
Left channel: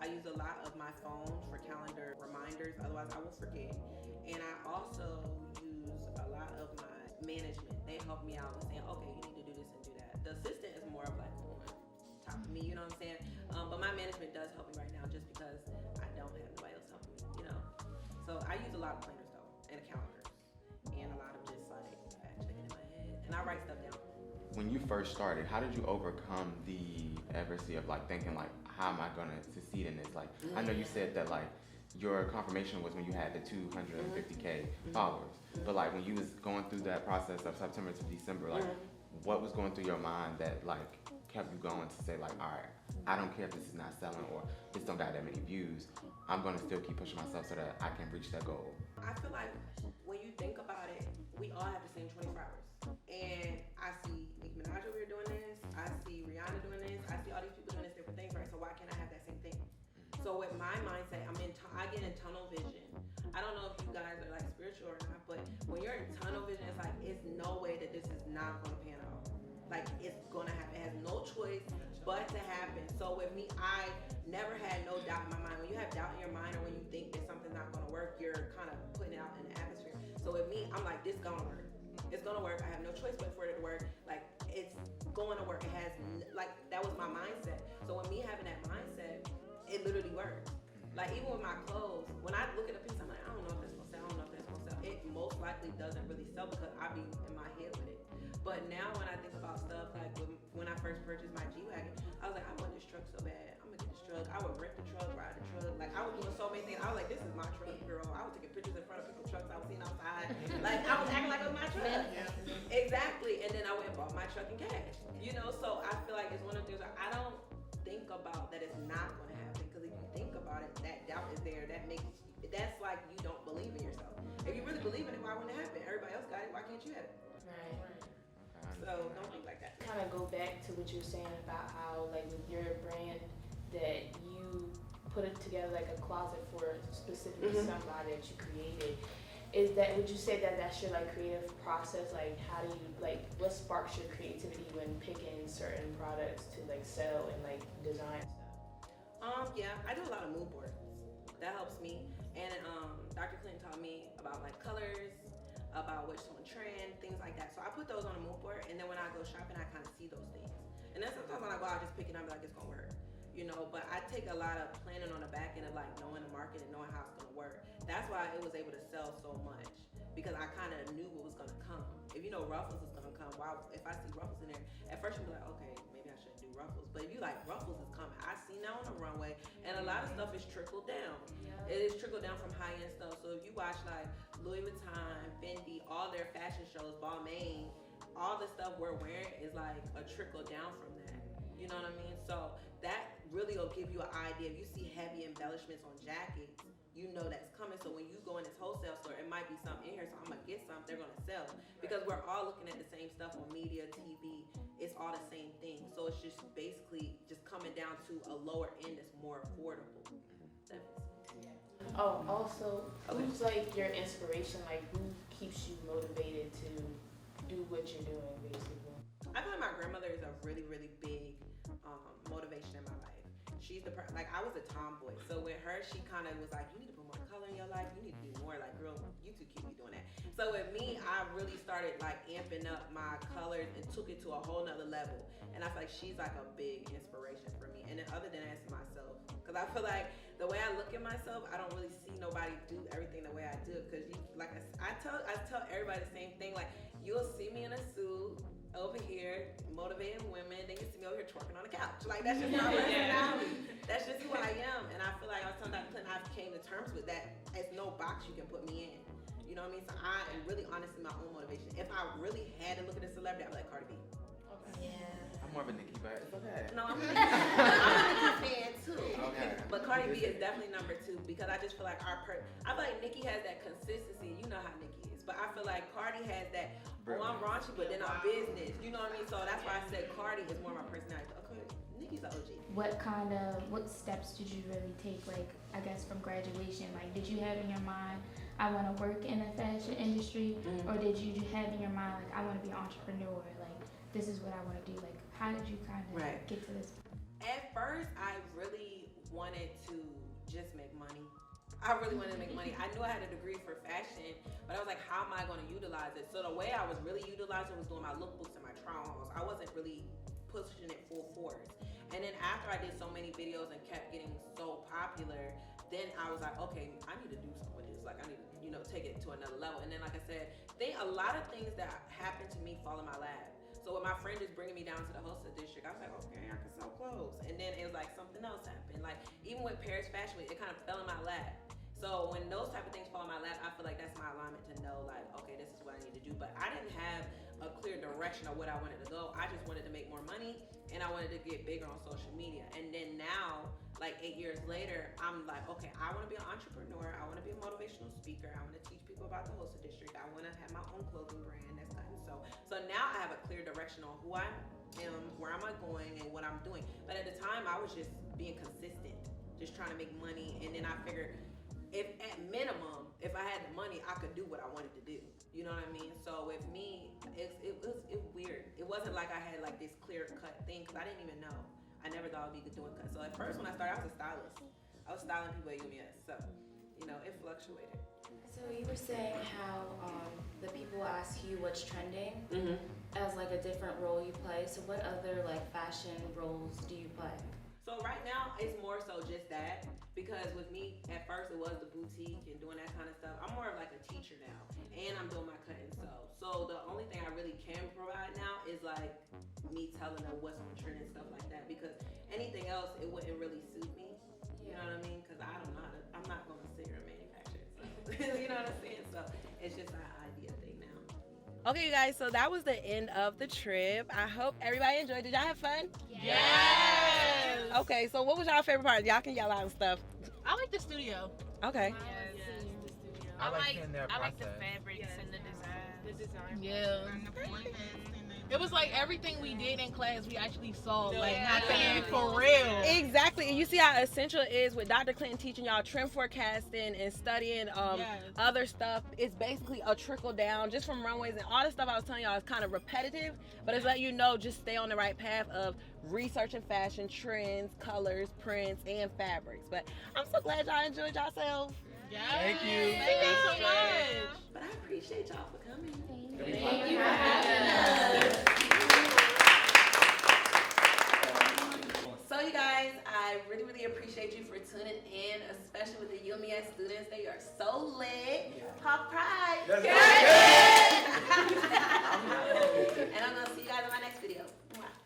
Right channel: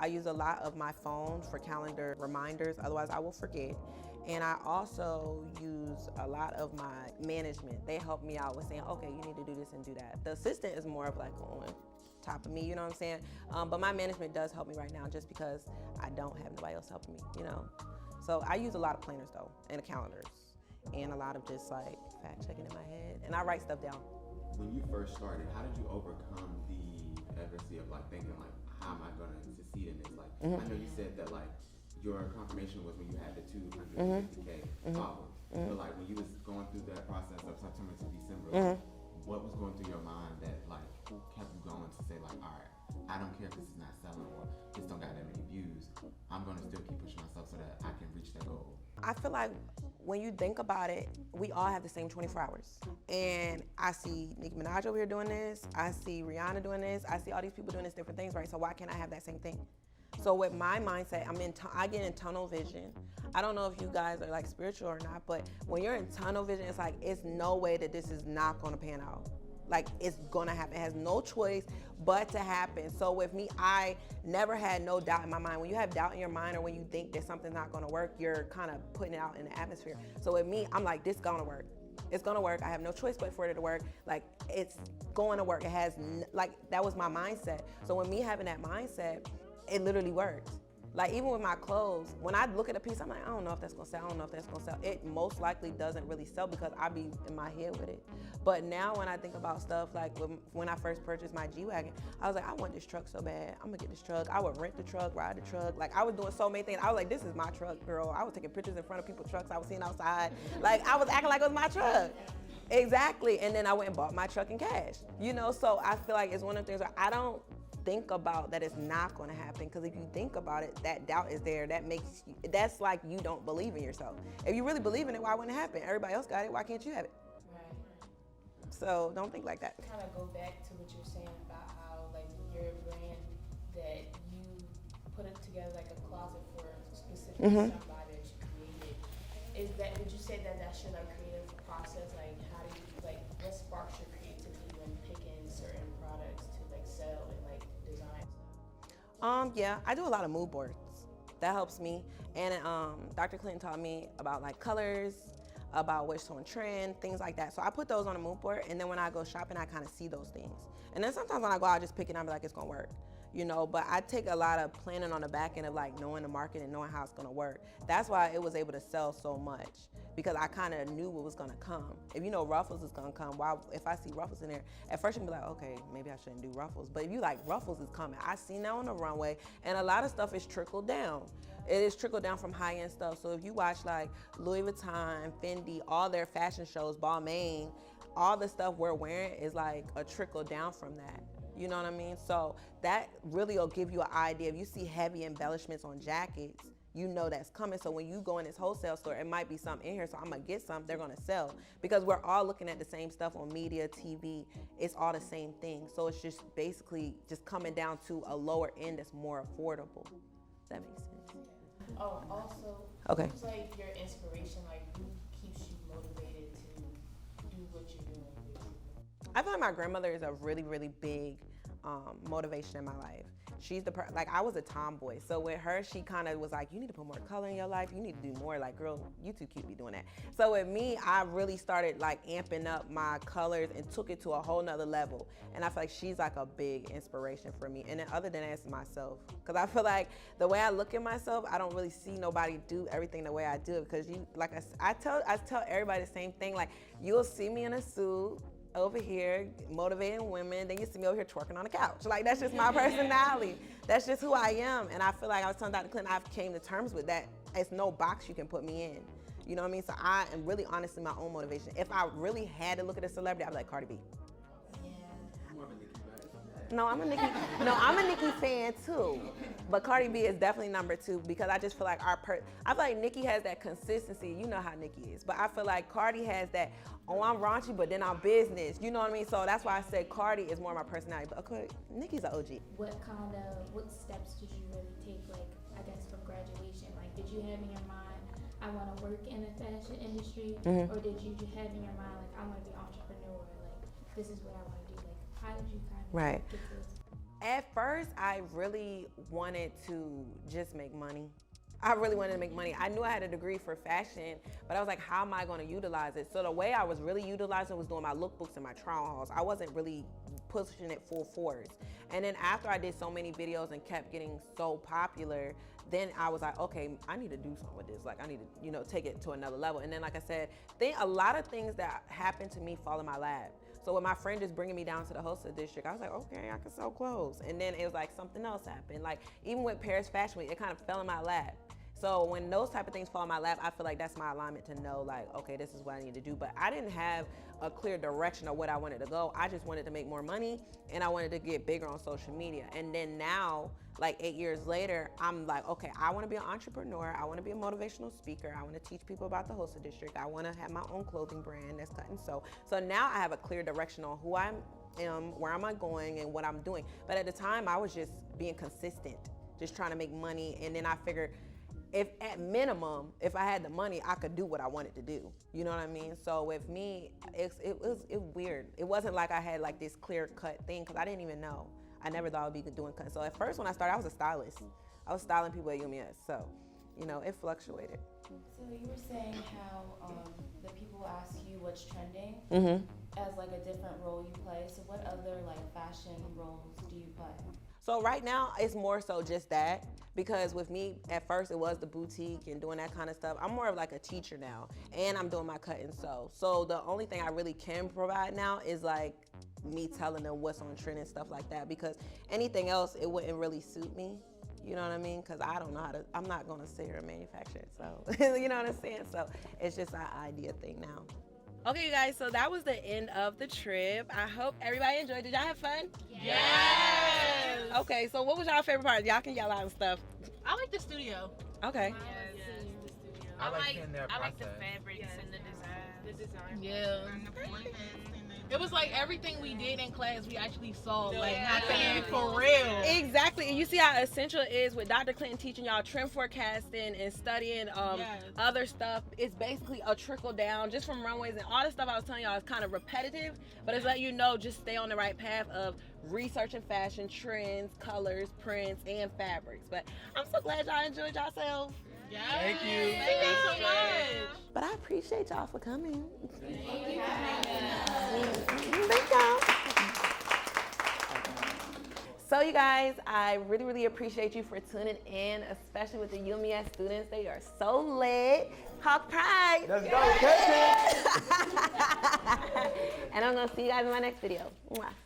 I use a lot of my phone for calendar reminders, otherwise I will forget. And I also use a lot of my management. They help me out with saying, okay, you need to do this and do that. The assistant is more of like on top of me, you know what I'm saying? But my management does help me right now just because I don't have nobody else helping me, you know? So I use a lot of planners though, and calendars, and a lot of just like fact checking in my head, and I write stuff down. When you first started, how did you overcome the adversity of like thinking like, how am I gonna succeed in this? Like, I know you said that like your confirmation was when you had the 250K followers, but like when you was going through that process of September to December, like what was going through your mind that like kept you going to say like, all right, I don't care if this is not selling or this don't got that many views, I'm gonna still keep pushing myself so that I can reach that goal? I feel like when you think about it, we all have the same 24 hours. And I see Nicki Minaj over here doing this, I see Rihanna doing this, I see all these people doing these different things, right? So why can't I have that same thing? So with my mindset, I get in tunnel vision. I don't know if you guys are like spiritual or not, but when you're in tunnel vision, it's like, it's no way that this is not gonna pan out. Like, it's gonna happen. It has no choice but to happen. So with me, I never had no doubt in my mind. When you have doubt in your mind, or when you think that something's not gonna work, you're kind of putting it out in the atmosphere. So with me, I'm like, this gonna work. It's gonna work. I have no choice but for it to work. Like, it's going to work. It has, like, that was my mindset. So when me having that mindset, it literally works. Like, even with my clothes, when I look at a piece, I'm like, I don't know if that's gonna sell, I don't know if that's gonna sell. It most likely doesn't really sell because I be in my head with it. But now when I think about stuff, like when I first purchased my G-Wagon, I was like, I want this truck so bad. I'm gonna get this truck. I would rent the truck, ride the truck. Like, I was doing so many things. I was like, this is my truck, girl. I was taking pictures in front of people's trucks I was seeing outside. Like, I was acting like it was my truck. Exactly. And then I went and bought my truck in cash. You know, so I feel like it's one of the things where I don't think about that it's not going to happen, because if you think about it, that doubt is there. That's like you don't believe in yourself. If you really believe in it, why wouldn't it happen? Everybody else got it, why can't you have it? Right. So don't think like that. Kind of go back to what you were saying about how, like, with your brand, that you put it together like a closet for specifically somebody that you created. Is that, would you say that that's your like creative process? Like, how do you, like, what sparks your creativity when picking certain products to like sell and like design stuff? Yeah, I do a lot of mood boards. That helps me. And Dr. Clinton taught me about like colors, about what's on trend, things like that. So I put those on a mood board, and then when I go shopping, I kind of see those things. And then sometimes when I go out, I just pick it up and be like, it's gonna work. You know, but I take a lot of planning on the back end of like knowing the market and knowing how it's gonna work. That's why it was able to sell so much, because I kind of knew what was gonna come. If you know Ruffles is gonna come, if I see Ruffles in there, at first you'll be like, okay, maybe I shouldn't do Ruffles. But if you like, Ruffles is coming. I seen that on the runway, and a lot of stuff is trickled down. It is trickled down from high-end stuff. So if you watch like Louis Vuitton, Fendi, all their fashion shows, Balmain, all the stuff we're wearing is like a trickle down from that. You know what I mean? So that really will give you an idea. If you see heavy embellishments on jackets, you know that's coming. So when you go in this wholesale store, it might be something in here, so I'm gonna get some, they're gonna sell. Because we're all looking at the same stuff on media, TV, it's all the same thing. So it's just basically just coming down to a lower end that's more affordable. Does that make sense? Oh, also, Okay. who's like your inspiration? Like, who keeps you motivated to do what you're doing, basically? I feel like my grandmother is a really, really big motivation in my life. She's like, I was a tomboy. So with her, she kind of was like, you need to put more color in your life. You need to do more. Like, girl, you two keep me doing that. So with me, I really started like amping up my colors and took it to a whole nother level. And I feel like she's like a big inspiration for me. And then other than that, it's myself. Because I feel like the way I look at myself, I don't really see nobody do everything the way I do. Because you, like I tell everybody the same thing. Like, you'll see me in a suit over here motivating women, then you see me over here twerking on the couch. Like, that's just my personality. That's just who I am. And I feel like I was telling Dr. Clinton, I've came to terms with that. It's no box you can put me in. You know what I mean? So I am really honestly my own motivation. If I really had to look at a celebrity, I'd be like Cardi B. I'm more of a Nicki, but it's okay. No, I'm a Nicki fan too. Okay. But Cardi B is definitely number 2 because I just feel like I feel like Nicki has that consistency. You know how Nicki is. But I feel like Cardi has that, oh, I'm raunchy, but then I'm business. You know what I mean? So that's why I said Cardi is more my personality. But okay, Nicki's an OG. What steps did you really take, like, I guess from graduation? Like, did you have in your mind, I want to work in the fashion industry? Or did you have in your mind, like, I want to be an entrepreneur? Like, this is what I want to do. Like, how did you kind of get to this? At first, I really wanted to just make money. I really wanted to make money. I knew I had a degree for fashion, but I was like, how am I going to utilize it? So the way I was really utilizing it was doing my lookbooks and my trial hauls. I wasn't really pushing it full force. And then after I did so many videos and kept getting so popular, then I was like, okay, I need to do something with this. Like, I need to, you know, take it to another level. And then, like I said, a lot of things that happened to me fall in my lap. So with my friend just bringing me down to the wholesale district, I was like, okay, I can sell clothes. And then it was like something else happened. Like even with Paris Fashion Week, it kind of fell in my lap. So when those type of things fall in my lap, I feel like that's my alignment to know like, okay, this is what I need to do. But I didn't have a clear direction of what I wanted to go. I just wanted to make more money and I wanted to get bigger on social media. And then now, like 8 years later, I'm like, okay, I want to be an entrepreneur. I want to be a motivational speaker. I want to teach people about the wholesale district. I want to have my own clothing brand that's cut and sew. So now I have a clear direction on who I am, where am I going, and what I'm doing. But at the time, I was just being consistent, just trying to make money. And then I figured, if at minimum, if I had the money, I could do what I wanted to do. You know what I mean? So with me, it was weird. It wasn't like I had like this clear cut thing because I didn't even know. I never thought I would be doing cuts. So at first when I started, I was a stylist. I was styling people at UMS. So, you know, it fluctuated. So you were saying how the people ask you what's trending as like a different role you play. So what other like fashion roles do you play? So right now, it's more so just that, because with me, at first it was the boutique and doing that kind of stuff. I'm more of like a teacher now, and I'm doing my cut and sew. So the only thing I really can provide now is like me telling them what's on trend and stuff like that, because anything else, it wouldn't really suit me. You know what I mean? Because I don't know how to, I'm not going to sit here and manufacture it. So, you know what I'm saying? So it's just an idea thing now. Okay, you guys, so that was the end of the trip. I hope everybody enjoyed. Did y'all have fun? Yes! Okay, so what was y'all favorite part? Y'all can yell out and stuff. I like the studio. Okay. Yes, the studio. I like the fabrics and the design. The design. Yeah. And the printers and the It was like everything we did in class, we actually saw, like, happening for real. Exactly. And you see how essential it is with Dr. Clinton teaching y'all trend forecasting and studying other stuff. It's basically a trickle down just from runways, and all the stuff I was telling y'all is kind of repetitive, but it's letting you know just stay on the right path of researching fashion, trends, colors, prints, and fabrics. But I'm so glad y'all enjoyed yourselves. Yes. Thank you. Thank you so much. But I appreciate y'all for coming. Thank you for having us. So you guys, I really, really appreciate you for tuning in, especially with the UMS students. They are so lit. Hawk Pride. And I'm gonna see you guys in my next video.